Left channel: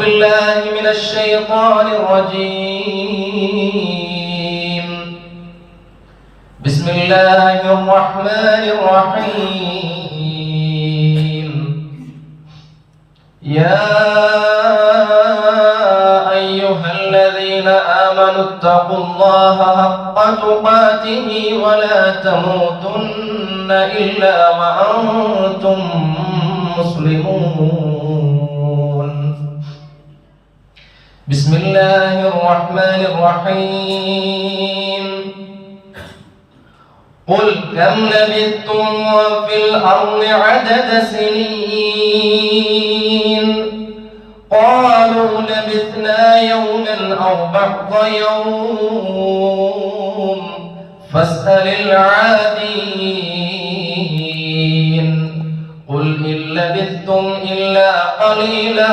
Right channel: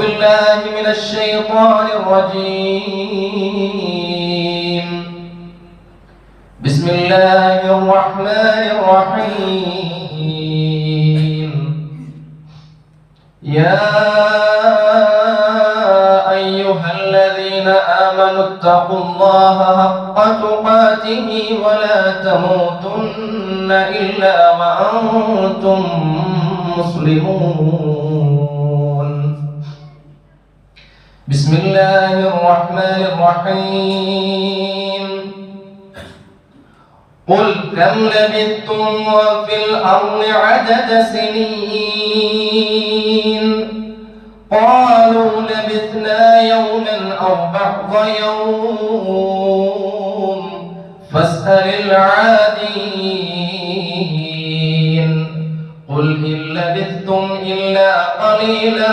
بالله من الشيطان الرجيم. بسم الله الرحمن الرحيم. يا أيها الذين آمنوا اتقوا الله حق تقاته ولا تموتن إلا وأنتم مسلمون. بسم الله الرحمن الرحيم. قل كم لبثتم في الأرض عدد سنين قالوا لبثنا يوما أو بعض يوم فاسأل العادين. قل إن لبثتم إلا قليلا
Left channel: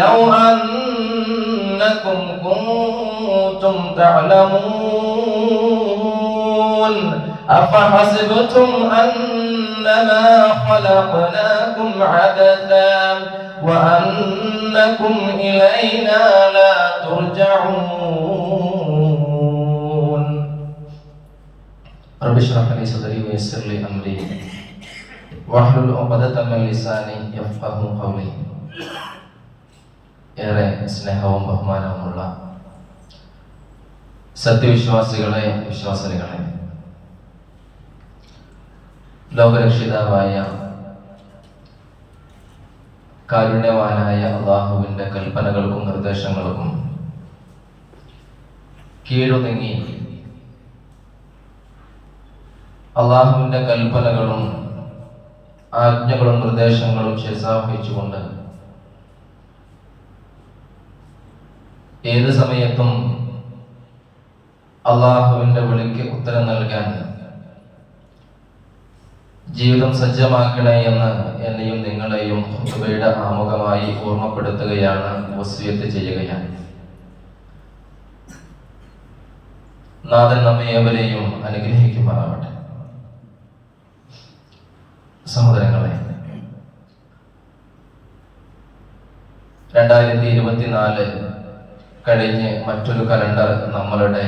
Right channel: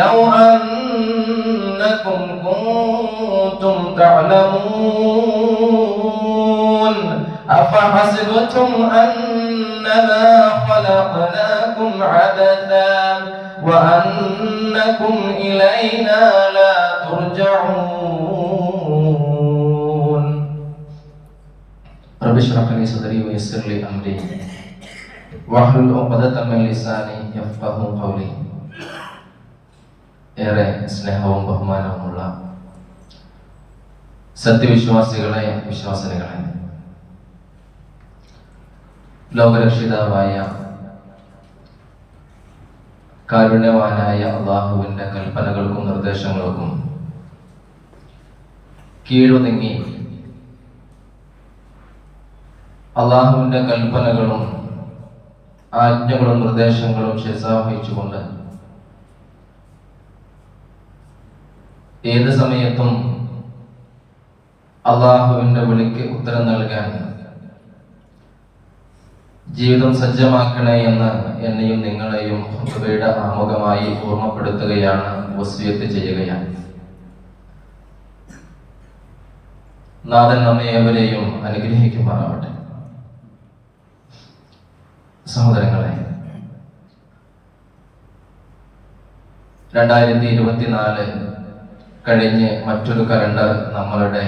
لو أنكم كنتم تعلمون أفحسبتم أنما خلقناكم عبثا وأنكم إلينا لا ترجعون. رب اشرح لي صدري ويسر لي أمري واحلل عقدة من لساني يفقهوا قولي. ഏറെ സ്നേഹവും ബഹുമാനവുമുള്ള സത്യവിശ്വാസികളെ, വിശ്വാസിനികളെ, ലോകരക്ഷിതാവായ കാരുണ്യവാനായ അല്ലാഹുവിന്റെ കൽപ്പനകൾക്കും നിർദ്ദേശങ്ങൾക്കും കീഴൊതുങ്ങി അല്ലാഹുവിന്റെ കൽപ്പനകളും ആജ്ഞകളും നിർദ്ദേശങ്ങളും ശിരസാവഹിച്ചുകൊണ്ട് ഏത് സമയത്തും അല്ലാഹുവിന്റെ വിളിക്ക് ഉത്തരം നൽകാൻ ജീവിതം സജ്ജമാക്കണേ എന്ന് എന്നെയും നിങ്ങളെയും ഖുതുബയുടെ ആമുഖമായി ഓർമ്മപ്പെടുത്തുകയാണ്, വസിയത്ത് ചെയ്യുകയാണ്. നാഥൻ നമ്മെ ഏവരെയും അനുഗ്രഹിക്കുമാറാവട്ടെ. സഹോദരങ്ങളെ, 2024 കഴിഞ്ഞ് മറ്റൊരു കലണ്ടർ നമ്മളുടെ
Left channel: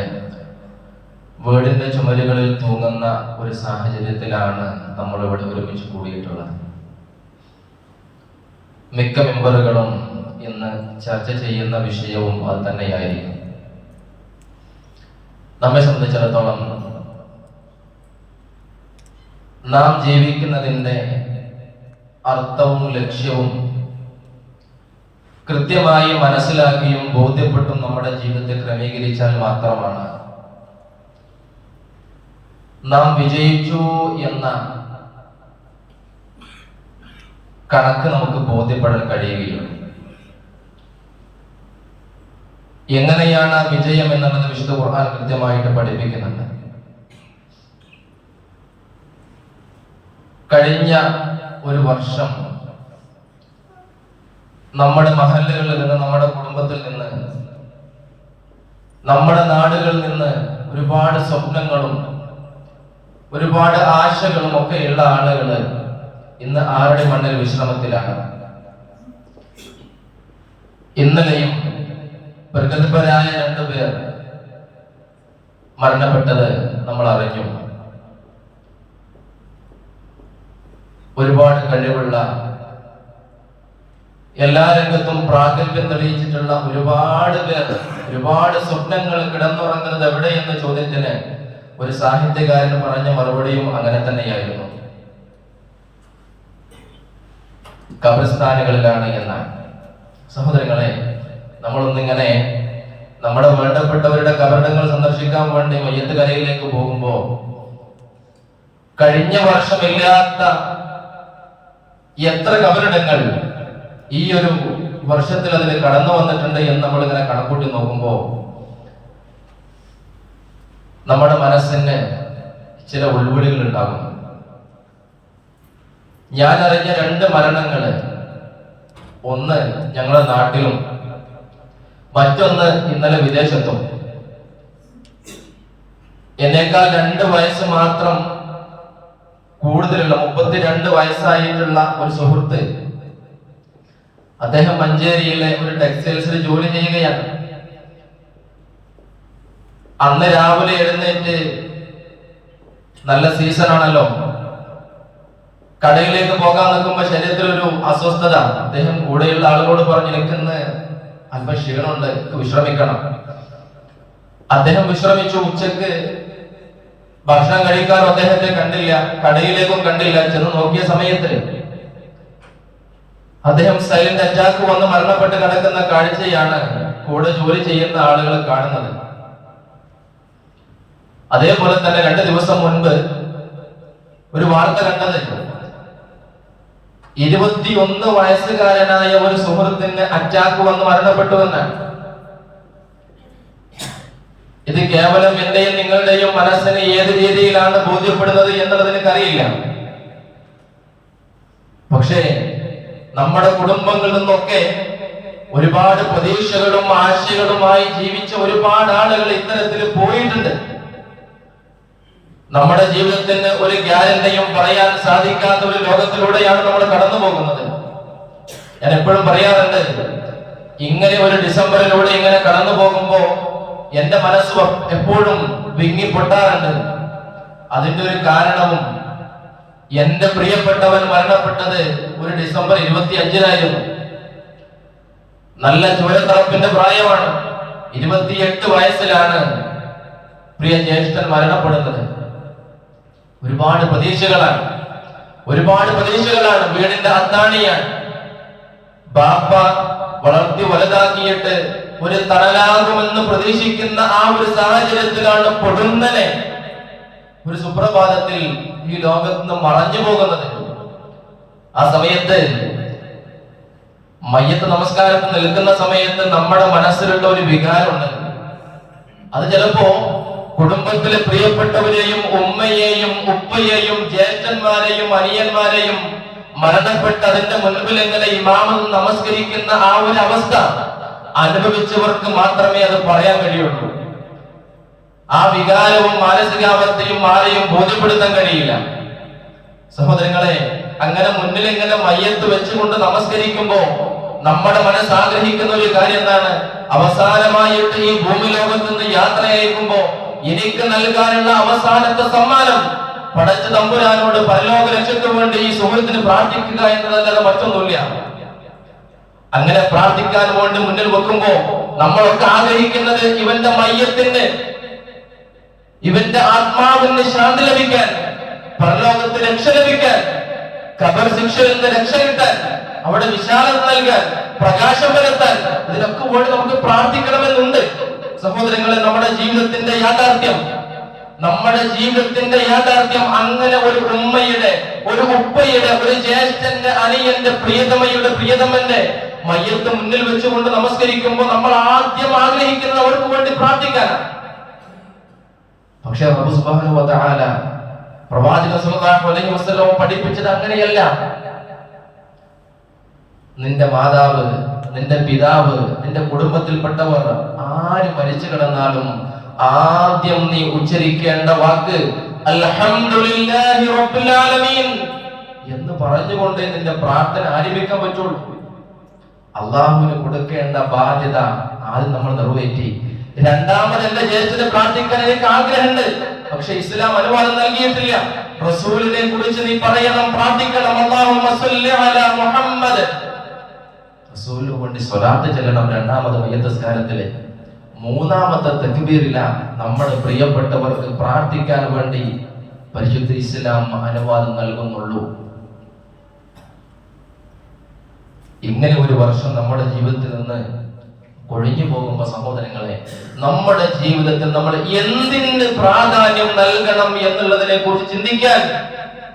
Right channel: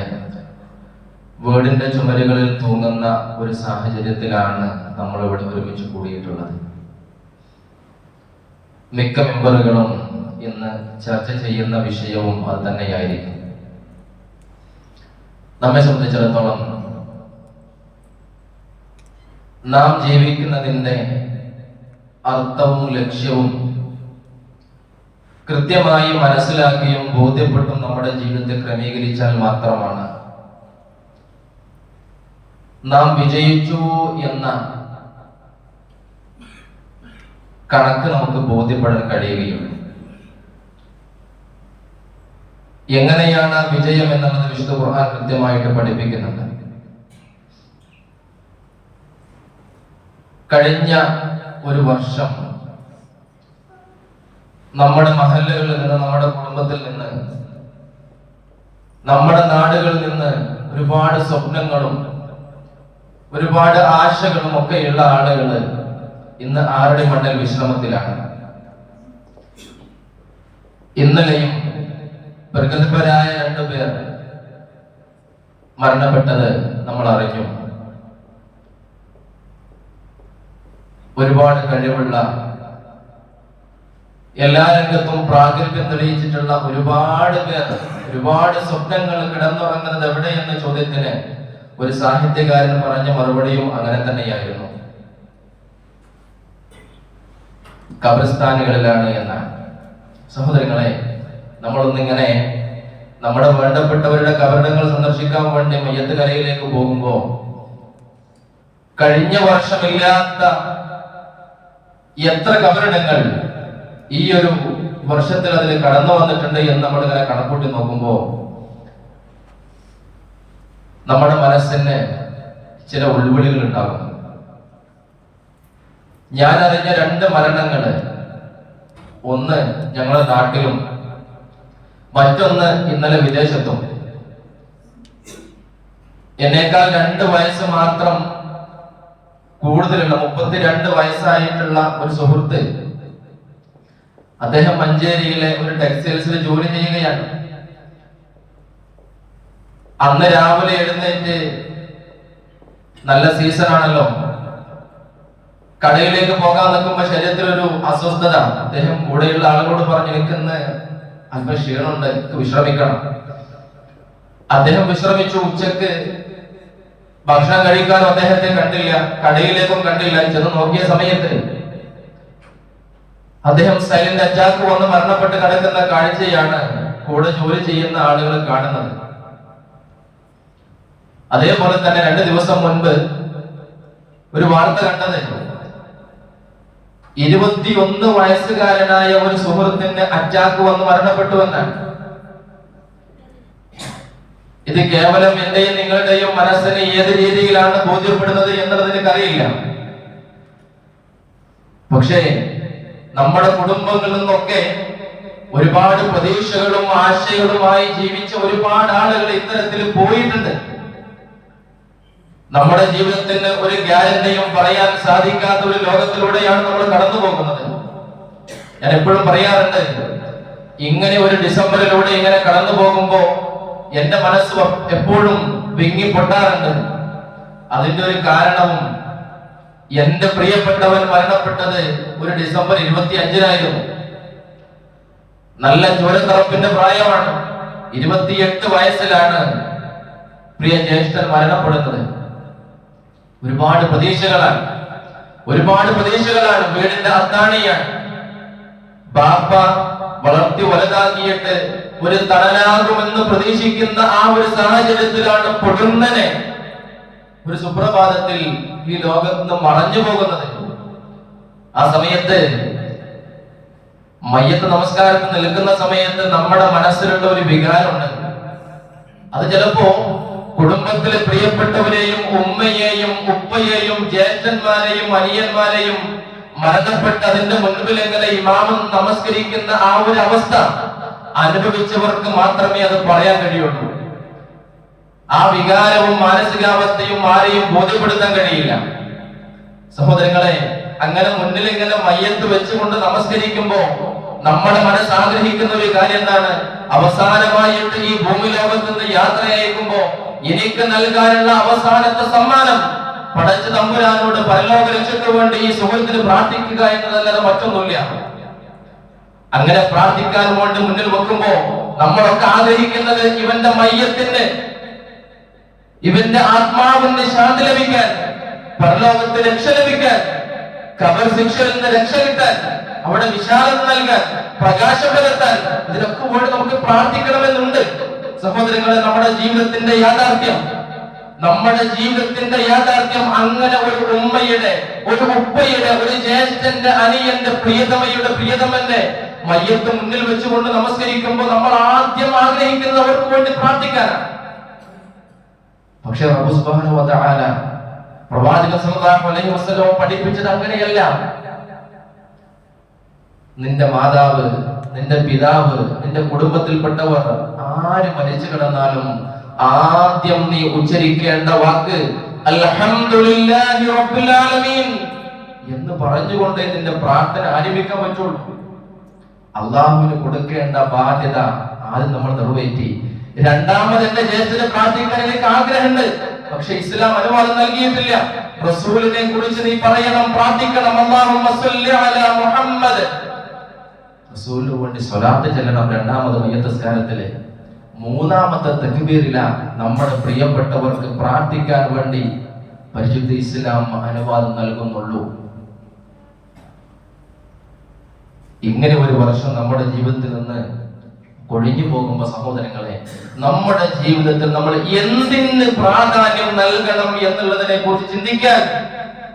വീടിന്റെ ചുമരുകളിൽ തൂങ്ങുന്ന ഒരു സാഹചര്യത്തിലാണ് നമ്മൾ ഇവിടെ ഒരുമിച്ച് കൂടിയിട്ടുള്ളത്. മിക്ക മെമ്പറുകളും ഇന്ന് ചർച്ച ചെയ്യുന്ന വിഷയവും അത് തന്നെയായിരിക്കും. നമ്മെ സംബന്ധിച്ചിടത്തോളം നാം ജീവിക്കുന്നതിൻ്റെ അർത്ഥവും ലക്ഷ്യവും കൃത്യമായി മനസ്സിലാക്കിയും ബോധ്യപ്പെട്ടും നമ്മുടെ ജീവിതത്തിൽ ക്രമീകരിച്ചാൽ മാത്രമാണ് നാം വിജയിച്ചു എന്ന കണക്ക് നമുക്ക് ബോധ്യപ്പെടാൻ കഴിയുകയുള്ളൂ. എങ്ങനെയാണ് വിജയം എന്നുള്ളത് വിശുദ്ധ ഖുർആൻ കൃത്യമായിട്ട് പഠിപ്പിക്കുന്നുണ്ട്. കഴിഞ്ഞ ഒരു വർഷം നമ്മുടെ മഹല്ലകളിൽ നിന്ന്, നമ്മുടെ കുടുംബത്തിൽ നിന്ന്, നമ്മുടെ നാടുകളിൽ നിന്ന് ഒരുപാട് സ്വപ്നങ്ങളും ഒരുപാട് ആശകളും ഒക്കെയുള്ള ആളുകൾ ഇന്ന് ആരുടെ മണ്ണിൽ വിശ്രമത്തിലാണ്. ഇന്നലെയും പ്രഗത്ഭരായ 2 പേർ മരണപ്പെട്ടത് നമ്മൾ അറിഞ്ഞു. ഒരുപാട് കഴിവുള്ള, എല്ലാ രംഗത്തും പ്രാഗൽഭ്യം തെളിയിച്ചിട്ടുള്ള ഒരുപാട് പേർ, ഒരുപാട് സ്വപ്നങ്ങൾ കിടന്നുറങ്ങുന്നത് എവിടെയെന്ന ചോദ്യത്തിന് ഒരു സാഹിത്യകാരൻ പറഞ്ഞ മറുപടിയും അങ്ങനെ തന്നെയായിരുന്നു, ഖബർസ്ഥാനുകളിലാണ് എന്നാണ്. സഹോദരങ്ങളെ, നമ്മളൊന്നിങ്ങനെ നമ്മുടെ വേണ്ടപ്പെട്ടവരുടെ കബറിടങ്ങൾ സന്ദർശിക്കാൻ വേണ്ടി മയ്യത്ത് കലയിലേക്ക് പോകുമ്പോ കഴിഞ്ഞ വർഷമില്ലാത്ത എത്ര കബറിടങ്ങൾ ഈ ഒരു വർഷത്തിൽ അതിൽ കടന്നു വന്നിട്ടുണ്ട് എന്ന് നമ്മളിങ്ങനെ കണക്കൂട്ടി നോക്കുമ്പോ നമ്മുടെ മനസ്സിന് ചില ഉൾവിളികൾ ഉണ്ടാകും. ഞാൻ അറിഞ്ഞ 2 മരണങ്ങള്, ഒന്ന് ഞങ്ങളുടെ നാട്ടിലും മറ്റൊന്ന് ഇന്നലെ വിദേശത്തും. എന്നേക്കാൾ 2 വയസ്സ് മാത്രം കൂടുതലുള്ള 32 വയസ്സായിട്ടുള്ള ഒരു സുഹൃത്ത് അദ്ദേഹം മഞ്ചേരിയിലെ ഒരു ടെക്സ്റ്റൈൽസിൽ ജോലി ചെയ്യുകയാണ്. അന്ന് രാവിലെ എഴുന്നേറ്റ്, നല്ല സീസൺ ആണല്ലോ, കടയിലേക്ക് പോകാൻ നിൽക്കുമ്പോ ശരീരത്തിലൊരു അസ്വസ്ഥത. അദ്ദേഹം കൂടെയുള്ള ആളുകളോട് പറഞ്ഞു, എനിക്കിന്ന് അല്പം ക്ഷീണമുണ്ട്, വിശ്രമിക്കണം. അദ്ദേഹം വിശ്രമിച്ചു. ഉച്ചക്ക് ഭക്ഷണം കഴിക്കാൻ അദ്ദേഹത്തെ കണ്ടില്ല, കടയിലേക്കും കണ്ടില്ല. ചെന്ന് നോക്കിയ സമയത്ത് അദ്ദേഹം സൈലന്റ് അറ്റാക്ക് വന്ന് മരണപ്പെട്ട് കിടക്കുന്ന കാഴ്ചയാണ് കൂടെ ജോലി ചെയ്യുന്ന ആളുകൾ കാണുന്നത്. അതേപോലെ തന്നെ 2 ദിവസം മുൻപ് ഒരു വാർത്ത കണ്ടത്, 21 വയസ്സുകാരനായ ഒരു സുഹൃത്തിന് അറ്റാക്ക് വന്ന് മരണപ്പെട്ടുവെന്നാണ്. ഇത് കേവലം എന്റെയും നിങ്ങളുടെയും മനസ്സിന് ഏത് രീതിയിലാണ് ബോധ്യപ്പെടുന്നത് എന്നുള്ളത് എനിക്കറിയില്ല. പക്ഷേ നമ്മുടെ കുടുംബങ്ങളിൽ നിന്നൊക്കെ ഒരുപാട് പ്രതീക്ഷകളും ആശയങ്ങളുമായി ജീവിച്ച ഒരുപാട് ആളുകൾ ഇത്തരത്തിൽ പോയിട്ടുണ്ട്. നമ്മുടെ ജീവിതത്തിന് ഒരു ഗ്യാരണ്ടിയും പറയാൻ സാധിക്കാത്ത ഒരു ലോകത്തിലൂടെയാണ് നമ്മൾ കടന്നു പോകുന്നത്. ഞാൻ എപ്പോഴും പറയാറുണ്ട്, ഇങ്ങനെ ഒരു ഡിസംബറിലൂടെ ഇങ്ങനെ കടന്നു പോകുമ്പോ എന്റെ മനസ്സ് എപ്പോഴും വിങ്ങി പൊട്ടാറുണ്ട്. അതിന്റെ ഒരു കാരണവും, എന്റെ പ്രിയപ്പെട്ടവൻ മരണപ്പെട്ടത് ഒരു ഡിസംബർ 25-നായിരുന്നു. നല്ല ചോരത്തിറപ്പിന്റെ പ്രായമാണ്. 28 വയസ്സിലാണ് പ്രിയ ജ്യേഷ്ഠൻ മരണപ്പെടുന്നത്. ഒരുപാട് പ്രതീക്ഷകളാണ്, വീടിന്റെ അത്താണിയാണ്. ബാപ്പ വളർത്തി വലുതാക്കിയിട്ട് ഒരു തണലാകുമെന്ന് പ്രതീക്ഷിക്കുന്ന ആ ഒരു സാഹചര്യത്തിലാണ് പൊടുന്നനെ ഒരു സുപ്രഭാതത്തിൽ ഈ ലോകത്ത് നിന്ന് മറഞ്ഞു പോകുന്നത്. ആ സമയത്ത് മയ്യത്ത് നമസ്കാരത്തിൽ നിൽക്കുന്ന സമയത്ത് നമ്മുടെ മനസ്സിലുള്ള ഒരു വികാരമുണ്ട്. അത് ചിലപ്പോ കുടുംബത്തിലെ പ്രിയപ്പെട്ടവരെയും ഉമ്മയെയും ഉപ്പയെയും ജ്യേഷ്ഠന്മാരെയും അനിയന്മാരെയും മരണപ്പെട്ട് അതിന്റെ മുൻപിൽ എങ്ങനെ ഇമാമും നമസ്കരിക്കുന്ന ആ ഒരു അവസ്ഥ അനുഭവിച്ചവർക്ക് മാത്രമേ അത് പറയാൻ കഴിയുള്ളൂ. ആ വികാരവും മാനസികാവസ്ഥയും ആരെയും ബോധ്യപ്പെടുത്താൻ കഴിയില്ല. സഹോദരങ്ങളെ, അങ്ങനെ മുന്നിൽ ഇങ്ങനെ മയ്യത്ത് വെച്ചുകൊണ്ട് നമസ്കരിക്കുമ്പോ നമ്മുടെ മനസ്സ് ആഗ്രഹിക്കുന്ന ഒരു കാര്യം എന്താണ്? അവസാനമായിട്ട് ഈ ഭൂമി ലോകത്ത് നിന്ന് യാത്ര അയക്കുമ്പോ എനിക്ക് നൽകാനുള്ള അവസാനത്തെ സമ്മാനം പടച്ച തമ്പുരാനോട് പരലോക രക്ഷയ്ക്ക് വേണ്ടി ഈ സുഹൃത്തിന് പ്രാർത്ഥിക്കുക എന്നതല്ലാതെ മറ്റൊന്നുമില്ല. അങ്ങനെ പ്രാർത്ഥിക്കാൻ വേണ്ടി മുന്നിൽ വെക്കുമ്പോ നമ്മളൊക്കെ ആഗ്രഹിക്കുന്നത് ഇവന്റെ മയ്യത്തിന്റെ, ഇവന്റെ ആത്മാവിന് ശാന്തി ലഭിക്കാൻ, പരലോകത്തിന് രക്ഷ ലഭിക്കാൻ, ഖബർ ശിക്ഷയിൽ നിന്ന് രക്ഷ കിട്ടാൻ, അവിടെ വിശാലത നൽകാൻ, പ്രകാശം വരുത്താൻ, ഇതിനൊക്കെ വേണ്ടി നമുക്ക് പ്രാർത്ഥിക്കണമെന്നുണ്ട്. സഹോദരങ്ങളെ, നമ്മുടെ ജീവിതത്തിന്റെ യാഥാർത്ഥ്യം അങ്ങനെ ഒരു ഉമ്മയുടെ, ഒരു ഉപ്പയുടെ, ഒരു ജ്യേഷ്ഠന്റെ, അനിയന്റെ, പ്രിയതമന്റെ മയ്യത്ത് മുന്നിൽ വെച്ചുകൊണ്ട് നമസ്കരിക്കുമ്പോൾ നമ്മൾ ആദ്യം ആഗ്രഹിക്കുന്നവർക്ക് വേണ്ടി പ്രാർത്ഥിക്കാനാണ്. പക്ഷേ റബ്ബ് സുബ്ഹാനഹു വ തആല പ്രവാചകൻ സല്ലല്ലാഹു അലൈഹി വസല്ലം പഠിപ്പിച്ചത് അങ്ങനെയല്ല. നിന്റെ മാതാവ്, നിന്റെ പിതാവ്, നിന്റെ കുടുംബത്തിൽപ്പെട്ടവർ ആര് മരിച്ചു കിടന്നാലും ആദ്യം നീ ഉച്ചരിക്കേണ്ട വാക്ക് അൽഹംദുലില്ലാഹി റബ്ബിൽ ആലമീൻ എന്ന് പറഞ്ഞുകൊണ്ട് നിന്റെ പ്രാർത്ഥന ആരംഭിക്കാൻ പറ്റുള്ളൂ. അള്ളാഹുവിന് കൊടുക്കേണ്ട ബാധ്യത ആദ്യം നമ്മൾ നിറവേറ്റി. രണ്ടാമത് എന്റെ ജ്യേഷ്ഠന് പ്രാർത്ഥിക്കാൻ എനിക്ക് ആഗ്രഹമുണ്ട്, പക്ഷെ ഇസ്ലാം അനുവാദം നൽകിയിട്ടില്ല. റസൂലിനെ കുറിച്ച് നീ പറയണം, പ്രാർത്ഥിക്കണം. അല്ലാഹുമ്മ സ്വല്ലി അലാ മുഹമ്മദ്, റസൂലിന് വേണ്ടി സ്വലാത്ത് ചൊല്ലണം രണ്ടാമത് മയ്യത്ത് നിസ്കാരത്തില്. മൂന്നാമത്തെ തക്ബീറില നമ്മുടെ പ്രിയപ്പെട്ടവർക്ക് പ്രാർത്ഥിക്കാൻ വേണ്ടി പരിശുദ്ധ ഇസ്ലാം അനുവാദം നൽകുന്നുള്ളൂ. ഇങ്ങനെ ഒരു വർഷം നമ്മുടെ ജീവിതത്തിൽ നിന്ന് ഒഴിഞ്ഞു പോകുമ്പോൾ സഹോദരങ്ങളെ, നമ്മുടെ ജീവിതത്തിൽ നമ്മൾ എന്തിന് പ്രാധാന്യം നൽകണം എന്നുള്ളതിനെ കുറിച്ച് ചിന്തിക്കാൻ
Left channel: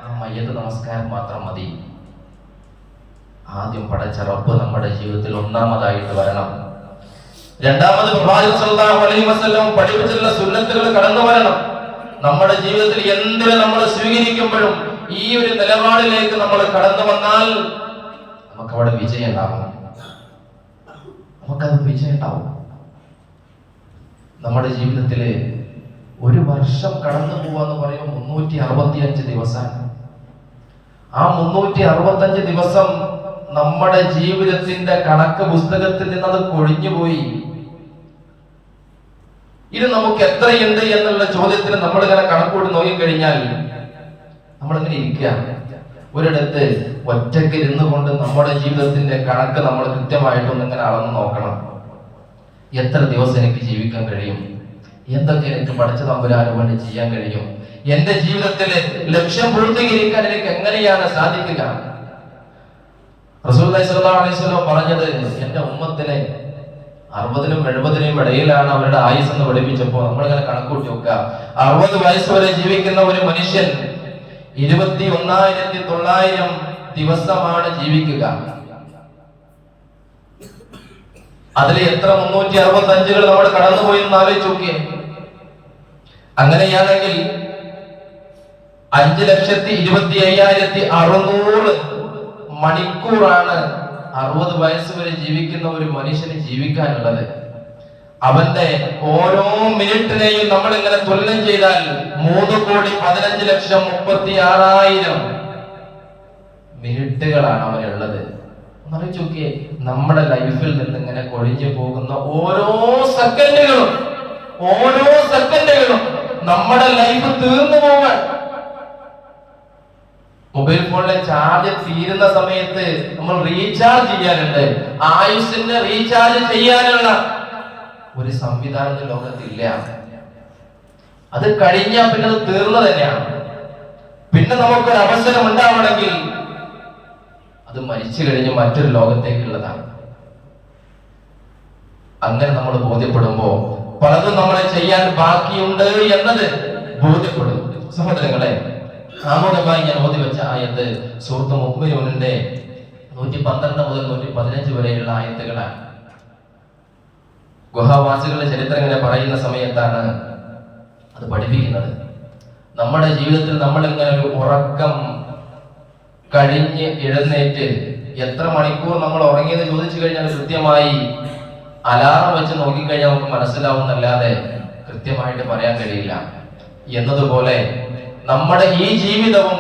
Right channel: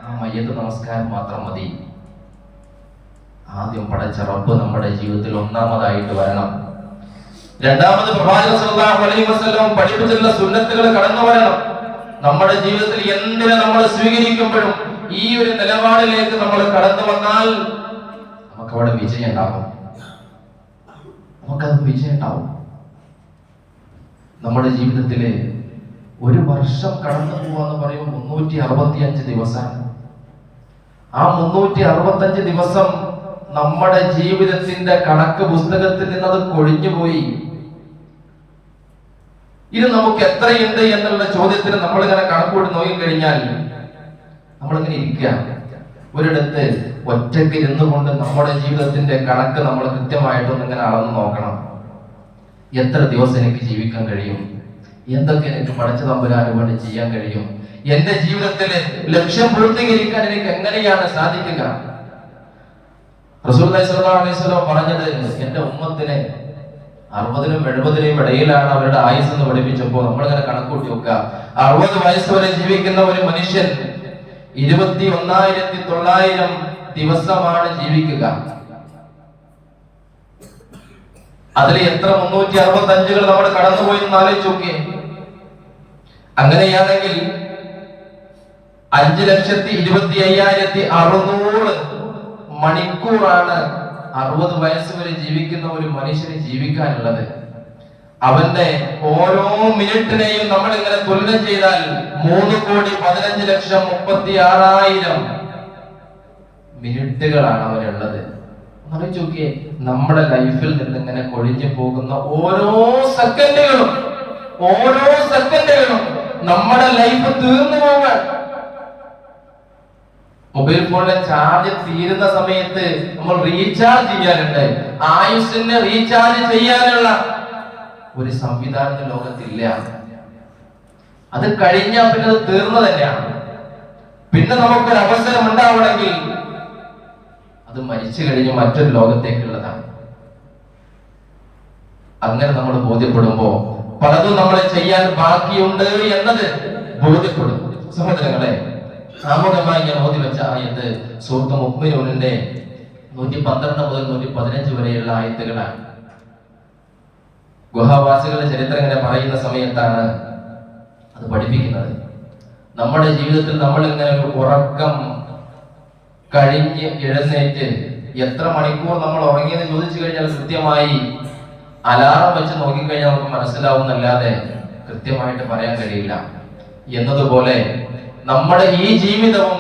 ആ മയ്യത്ത് നമസ്കാരം മാത്രം മതി. ആദ്യം പടച്ച റബ്ബ് നമ്മുടെ ജീവിതത്തിൽ ഒന്നാമതായിട്ട് വരണം. രണ്ടാമത് പ്രവാചകൻ സല്ലല്ലാഹു അലൈഹി വസല്ലം പഠിപ്പിച്ചിട്ടുള്ള സുന്നത്തുകൾ കടന്നു വരണം. നമ്മുടെ ജീവിതത്തിൽ എന്തിനെ നമ്മൾ സ്വീകരിക്കുമ്പോഴും ഈ ഒരു നിലപാടിലേക്ക് നമ്മൾ കടന്നു വന്നാൽ നമുക്കവിടെ വിജയം ഉണ്ടാകും. നമുക്കത് വിജയം ഉണ്ടാവും. നമ്മുടെ ജീവിതത്തില് ഒരു വർഷം കടന്നു പോവാന്ന് പറയുമ്പോൾ 365 ദിവസം. ആ 365 ദിവസം നമ്മുടെ ജീവിതത്തിന്റെ കണക്ക് പുസ്തകത്തിൽ നിന്ന് അത് കൊഴിഞ്ഞുപോയി. ഇത് നമുക്ക് എത്രയുണ്ട് എന്നുള്ള ചോദ്യത്തിന് നമ്മളിങ്ങനെ കണക്കൂടി നോക്കിക്കഴിഞ്ഞാൽ നമ്മളിങ്ങനെ ഇരിക്കുക. ഒരിടത്ത് ഒറ്റയ്ക്ക് ഇരുന്നുകൊണ്ട് നമ്മുടെ ജീവിതത്തിന്റെ കണക്ക് നമ്മൾ കൃത്യമായിട്ടൊന്ന് ഇങ്ങനെ അളന്ന് നോക്കണം. എത്ര ദിവസം എനിക്ക് ജീവിക്കാൻ കഴിയും? എന്തൊക്കെ എനിക്ക് പഠിച്ച തമ്പുരാന് വേണ്ടി ചെയ്യാൻ കഴിയും? എന്റെ ജീവിതത്തിലെ ലക്ഷ്യം പൂർത്തീകരിക്കാൻ എനിക്ക് എങ്ങനെയാണ് സാധിക്കുക? റസൂലുള്ളാഹി സ്വല്ലല്ലാഹു അലൈഹി വസല്ലം പറഞ്ഞത്, എന്റെ ഉമ്മത്തിന് 60-നും 70-നും ഇടയിലാണ് അവരുടെ ആയുസ് എന്ന് പഠിപ്പിച്ചപ്പോ നമ്മളിങ്ങനെ കണക്കൂട്ടി നോക്കുക. 60 വയസ്സ് വരെ ജീവിക്കുന്ന ഒരു മനുഷ്യൻ 21,900 ദിവസമാണ് ജീവിക്കുക. അതിൽ എത്ര 365 നമ്മൾ കടന്നുപോയി എന്ന് ആലോചിച്ച് നോക്കിയേ. അങ്ങനെയാണെങ്കിൽ 5,25,600 മണിക്കൂറാണ് 60 വയസ്സ് വരെ ജീവിക്കുന്ന ഒരു മനുഷ്യന് ജീവിക്കാനുള്ളത്. അവന്റെ ഓരോ മിനിറ്റിനെയും നമ്മൾ ഇങ്ങനെ തുലനം ചെയ്താൽ 3,15,36,000 മിനിറ്റുകളാണ് അവനുള്ളത്. ആലോചിച്ച് നോക്കിയേ, നമ്മുടെ ലൈഫിൽ നിന്ന് ഇങ്ങനെ കൊഴിഞ്ഞു പോകുന്ന ഓരോ സെക്കൻഡുകളും നമ്മുടെ ലൈഫ് തീർന്നു പോകാൻ. മൊബൈൽ ഫോണിലെ ചാർജ് തീരുന്ന സമയത്ത് നമ്മൾ റീചാർജ് ചെയ്യാറുണ്ട്. ആയുസ്സിനെ റീചാർജ് ചെയ്യാനുള്ള ഒരു സംവിധാനം ലോകത്തില്ല. അത് കഴിഞ്ഞാൽ പിന്നെ അത് തീർന്നു തന്നെയാണ്. പിന്നെ നമുക്കൊരു അവസരം ഉണ്ടാവണമെങ്കിൽ അത് മരിച്ചു കഴിഞ്ഞ് മറ്റൊരു ലോകത്തേക്കുള്ളതാണ്. അങ്ങനെ നമ്മൾ ബോധ്യപ്പെടുമ്പോ പലതും നമ്മൾ ചെയ്യാൻ ബാക്കിയുണ്ട് എന്നത് ബോധ്യപ്പെടും. സഹോദരങ്ങളെ, ആമുഖമായി ഞാൻ ഓതി വെച്ച ആയത്ത് സൂറത്ത് മുഅ്മിനൂനിന്റെ 112 മുതൽ 115 വരെയുള്ള ആയത്തുകളാണ്. ഗുഹാവാസികളുടെ ചരിത്രം ഇങ്ങനെ പറയുന്ന സമയത്താണ് അത് പഠിപ്പിക്കുന്നത്. നമ്മുടെ ജീവിതത്തിൽ നമ്മൾ ഇങ്ങനെ ഒരു ഉറക്കം കഴിഞ്ഞ് എഴുന്നേറ്റ് എത്ര മണിക്കൂർ നമ്മൾ ഉറങ്ങിയെന്ന് ചോദിച്ചു കഴിഞ്ഞാൽ കൃത്യമായി അലാറം വെച്ച് നോക്കിക്കഴിഞ്ഞാൽ നമുക്ക് മനസ്സിലാവുന്നല്ലാതെ കൃത്യമായിട്ട് പറയാൻ കഴിയില്ല. എന്നതുപോലെ നമ്മുടെ ഈ ജീവിതവും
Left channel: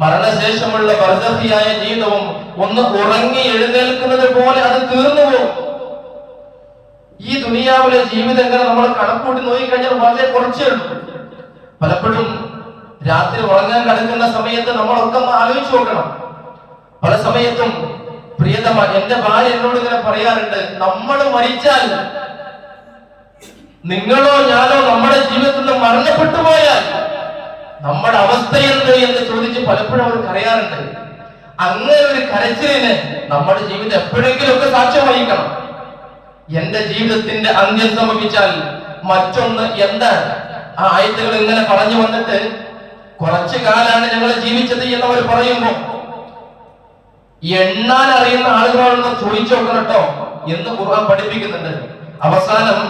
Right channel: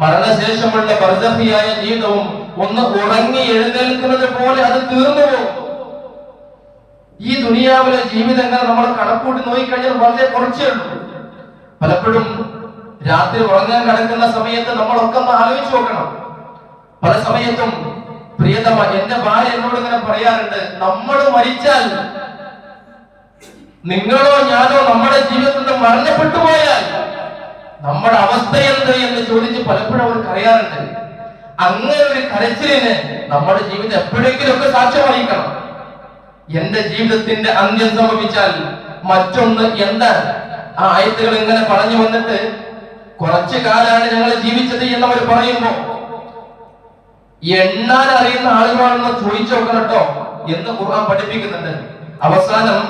മരണശേഷമുള്ള ബർസഖിയായ ജീവിതവും ഒന്ന് ഉറങ്ങി എഴുന്നേൽക്കുന്നത് പോലെ അത് തീർന്നു പോകും. ഈ ദുനിയാവിലെ ജീവിതങ്ങൾ നമ്മൾ കണക്കൂട്ടി നോക്കിക്കഴിഞ്ഞാൽ വളരെ കുറച്ചേ ഉള്ളൂ. പലപ്പോഴും രാത്രി ഉറങ്ങാൻ കിടക്കുന്ന സമയത്ത് നമ്മളൊക്കെ ഒന്ന് ആലോചിച്ച് നോക്കണം. പല സമയത്തും പ്രിയതമ എന്റെ ഭാര്യ എന്നോട് ഇങ്ങനെ പറയാറുണ്ട്, നമ്മൾ മരിച്ചാൽ നിങ്ങളോ ഞാനോ നമ്മുടെ ജീവിതത്തിൽ നിന്ന് മരണപ്പെട്ടു പോയാൽ നമ്മുടെ അവസ്ഥ എന്ത് എന്ന് ചോദിച്ച് പലപ്പോഴും അവർ കരയാറുണ്ട്. അങ്ങനെ ഒരു കരച്ചിലിന് നമ്മുടെ ജീവിതം എപ്പോഴെങ്കിലും ഒക്കെ സാക്ഷ്യം വഹിക്കണം. എന്റെ ജീവിതത്തിന്റെ അന്ത്യം സംഭവിച്ചാൽ മറ്റൊന്ന് എന്താണ്? ആ ആയത്തുകൾ ഇങ്ങനെ പറഞ്ഞു വന്നിട്ട് കുറച്ചു കാലാണ് ഞങ്ങൾ ജീവിച്ചത് എന്നവർ പറയുമ്പോ എണ്ണാൻ അറിയുന്ന ആളുകളാണെന്ന് ചോദിച്ചു നോക്കണം കേട്ടോ എന്ന് ഖുർആൻ പഠിപ്പിക്കുന്നുണ്ട്. അവസാനം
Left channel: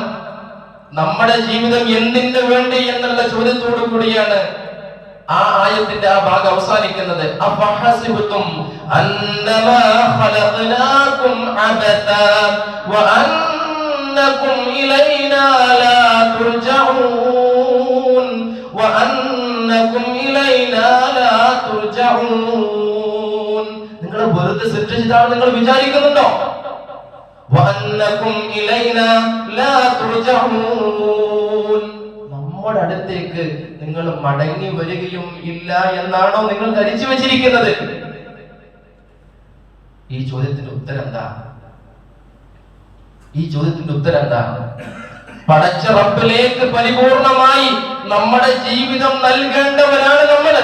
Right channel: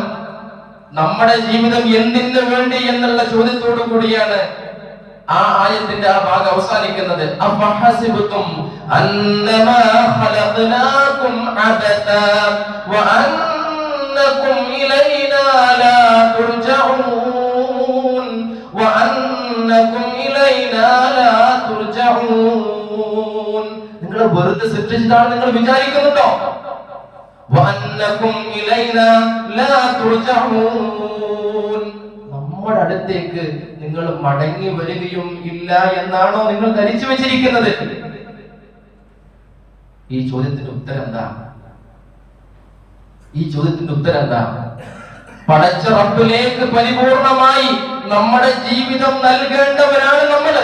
നമ്മുടെ ജീവിതം എന്തിനു വേണ്ടി എന്നുള്ള ചോദ്യത്തോടു കൂടിയാണ് ആ ആയത്തിന്റെ ആ ഭാഗം അവസാനിക്കുന്നത്. അഫഹസിബതും അന്നമാ ഖലഖനാകും അബതാ വഅന്നകും ഇലൈനാ ലാ തുർജഊൻ വഅന്നകും ഇലൈനാ ലാ തുർജഊൻ. നിങ്ങൾ വെറുതെ സൃഷ്ടിച്ചതാണ് നിങ്ങൾ വിചാരിക്കുന്നുണ്ടോ? വഅന്നകും ഇലൈനാ ലാ തുർജഊൻ. നമ്മുടെ അടുത്തേക്ക് നിങ്ങൾ മടങ്ങി വരികയും ഇല്ല എന്നാണോ നിങ്ങൾ ധരിച്ചു വെച്ചിരിക്കുന്നത്? ഈ ചോദ്യത്തിന്റെ ഉത്തരം എന്താ? പടച്ച റബ്ബിലേക്ക് പരിപൂർണമായി നമ്മുടെ ജീവിതം നൽകേണ്ടവരാണ് നമ്മൾ.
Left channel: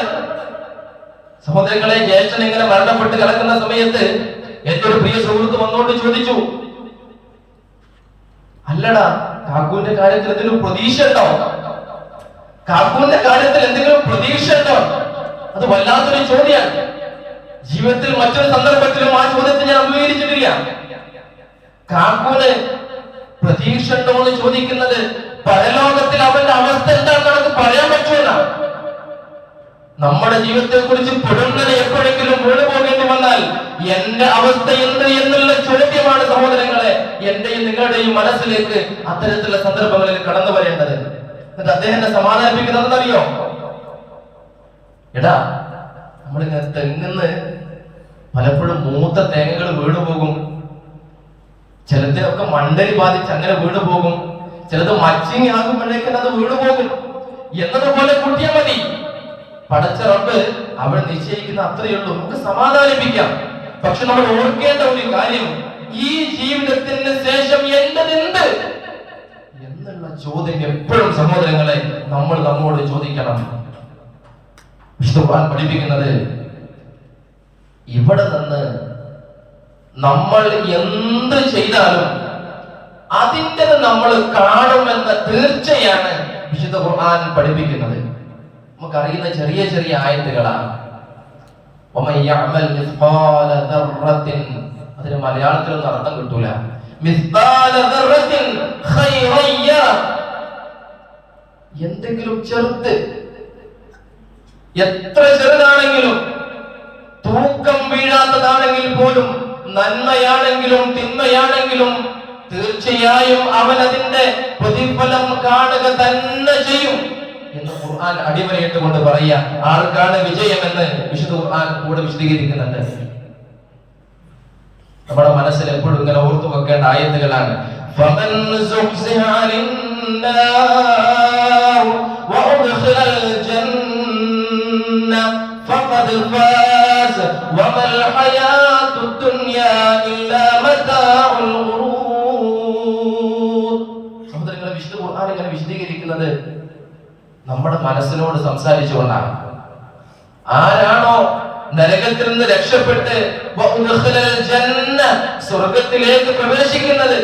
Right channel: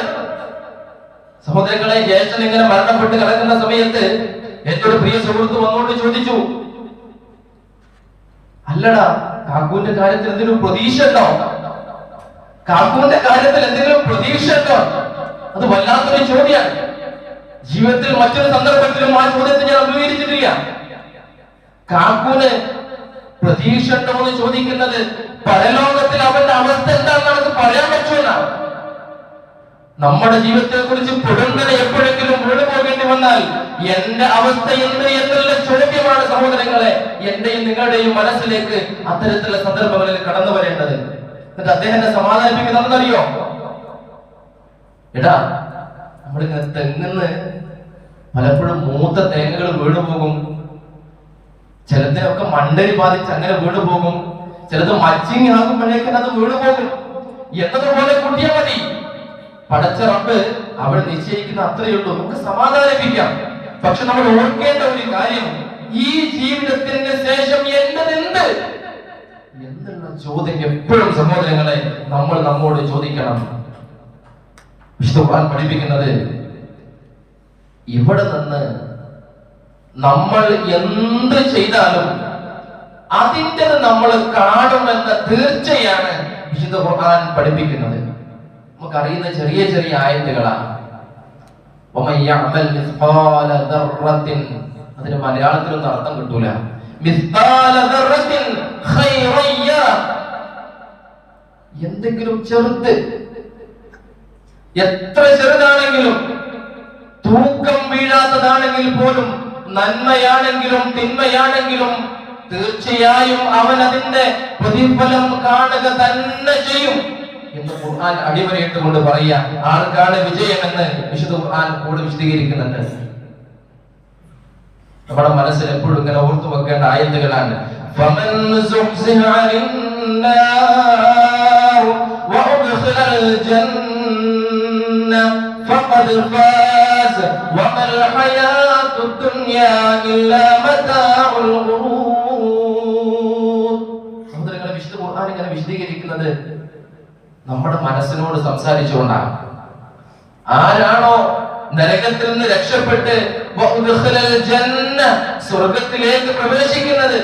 സഹോദരങ്ങളെ, ജ്യേഷ്ഠൻ ഇങ്ങനെ മരണപ്പെട്ട് കിടക്കുന്ന സമയത്ത് ഏറ്റവും പ്രിയ സുഹൃത്ത് വന്നോട്ട് ചോദിച്ചു, അല്ലടാ കാക്കൂന്റെ കാര്യത്തിൽ എന്തെങ്കിലും പ്രതീക്ഷ ഉണ്ടോ? കാക്കൂന്റെ കാര്യത്തിൽ എന്തെങ്കിലും പ്രതീക്ഷ ഉണ്ടോ? അത് വല്ലാത്തൊരു ചോദ്യമാണ്. ജീവിതത്തിൽ മറ്റൊരു സന്ദർഭത്തിലും ആ ചോദ്യത്തെ ഞാൻ അഭിമുഖീകരിച്ചിട്ടില്ല. കാക്കൂന് പ്രതീക്ഷ ഉണ്ടോ എന്ന് ചോദിക്കുന്നത് പരലോകത്തിൽ അവന്റെ അവസ്ഥ എന്താണെന്ന് നമുക്ക് പറയാൻ പറ്റുമെന്നാണ്. നമ്മുടെ ജീവിതത്തെ കുറിച്ച് പുറന്നലെ എപ്പോഴെങ്കിലും വീണ് പോകേണ്ടി വന്നാൽ എന്റെ അവസ്ഥ എന്ത് എന്നുള്ള ചോദ്യമാണ് സഹോദരങ്ങളെ എന്റെയും നിങ്ങളുടെയും മനസ്സിലേക്ക് അത്തരത്തിലുള്ള സന്ദർഭങ്ങളിൽ കടന്നു വരേണ്ടത്. എന്നിട്ട് അദ്ദേഹത്തെ സമാധാനിപ്പിക്കുന്നതെന്നറിയോ? എടാ, നമ്മളിങ്ങനെ തെങ്ങുന്ന് പലപ്പോഴും മൂത്ത തേങ്ങകൾ വീണു പോകും, ചിലതിനൊക്കെ മണ്ടരി ബാധിച്ച് അങ്ങനെ വീണു പോകും, ചിലത് മച്ചിങ് ആകുമ്പോഴേക്കും അത് വീണു പോകും. എന്നതുപോലെ കുട്ടിയെ മതി. പടച്ച റബ്ബ് അവിടെ നിശ്ചയിക്കുന്ന അത്രയേ ഉള്ളൂ. നമുക്ക് സമാധാനിപ്പിക്കാം. പക്ഷെ നമ്മൾ ഓർക്കേണ്ട ഒരു കാര്യം, ഈ ജീവിതത്തിന് ശേഷം എന്ത് എന്നുള്ള ചോദ്യം എപ്പോഴും സഹോദരങ്ങളെ നമ്മൾ നമ്മോട് ചോദിക്കണം. വിശുദ്ധ ഖുർആൻ പഠിപ്പിക്കുന്നത്, ഇവിടെ നിന്ന് നമ്മൾ എന്ത് ചെയ്താലും അതിൻ്റെ നമ്മൾ കാണുമെന്ന തീർച്ചയാണ് വിശുദ്ധ ഖുർആൻ പഠിപ്പിക്കുന്നത്. നമുക്കറിയുന്ന ചെറിയ ചെറിയ ആയത്തുകളാണ്. അതിന് മലയാളത്തിലൊന്നും അർത്ഥം കിട്ടൂല. എന്തെങ്കിലും ചെറുത്, എത്ര ചെറുതാണെങ്കിലും, തൂക്കം വീഴാത്തതാണെങ്കിൽ പോലും, നന്മയാണെങ്കിലും തിന്മയാണെങ്കിലും തീർച്ചയായും അവൻ അതിന്റെ പ്രതിഫലം കാണുക തന്നെ ചെയ്യും എന്ന് ഖുർആൻ അടിവരയിട്ട് കൊണ്ട് പറയാ. ആർക്കാണ് വിജയം എന്ന് വിശുദ്ധ ഖുർആൻ കൂടെ വിശദീകരിക്കുന്നുണ്ട്. നമ്മുടെ മനസ്സിൽ എപ്പോഴും ഇങ്ങനെ ഓർത്തു വെക്കേണ്ട ആയത്തുകളാണ്. ഫമൻ സുഖ്സിഹ അലിന്നാർ വഅദ്ഖിലൽ ജന്ന ഫഖദ് ഫാസ് വമൽ ഹയാത്തുദ് ദുനിയാ ഇല്ലാ മതാഉൽ ഗുറൂർ. സഹോദരങ്ങളെ, വിശുദ്ധ ഖുർആൻ ഇങ്ങനെ വിശദീകരിക്കുന്നത് നമ്മുടെ മനസ്സിനോട് സംസാരിച്ചുകൊണ്ടാണ്. ആരാണോ നരകത്തിൽ നിന്ന് രക്ഷപ്പെട്ട് സ്വർഗത്തിലേക്ക് പ്രവേശിക്കുന്നത്,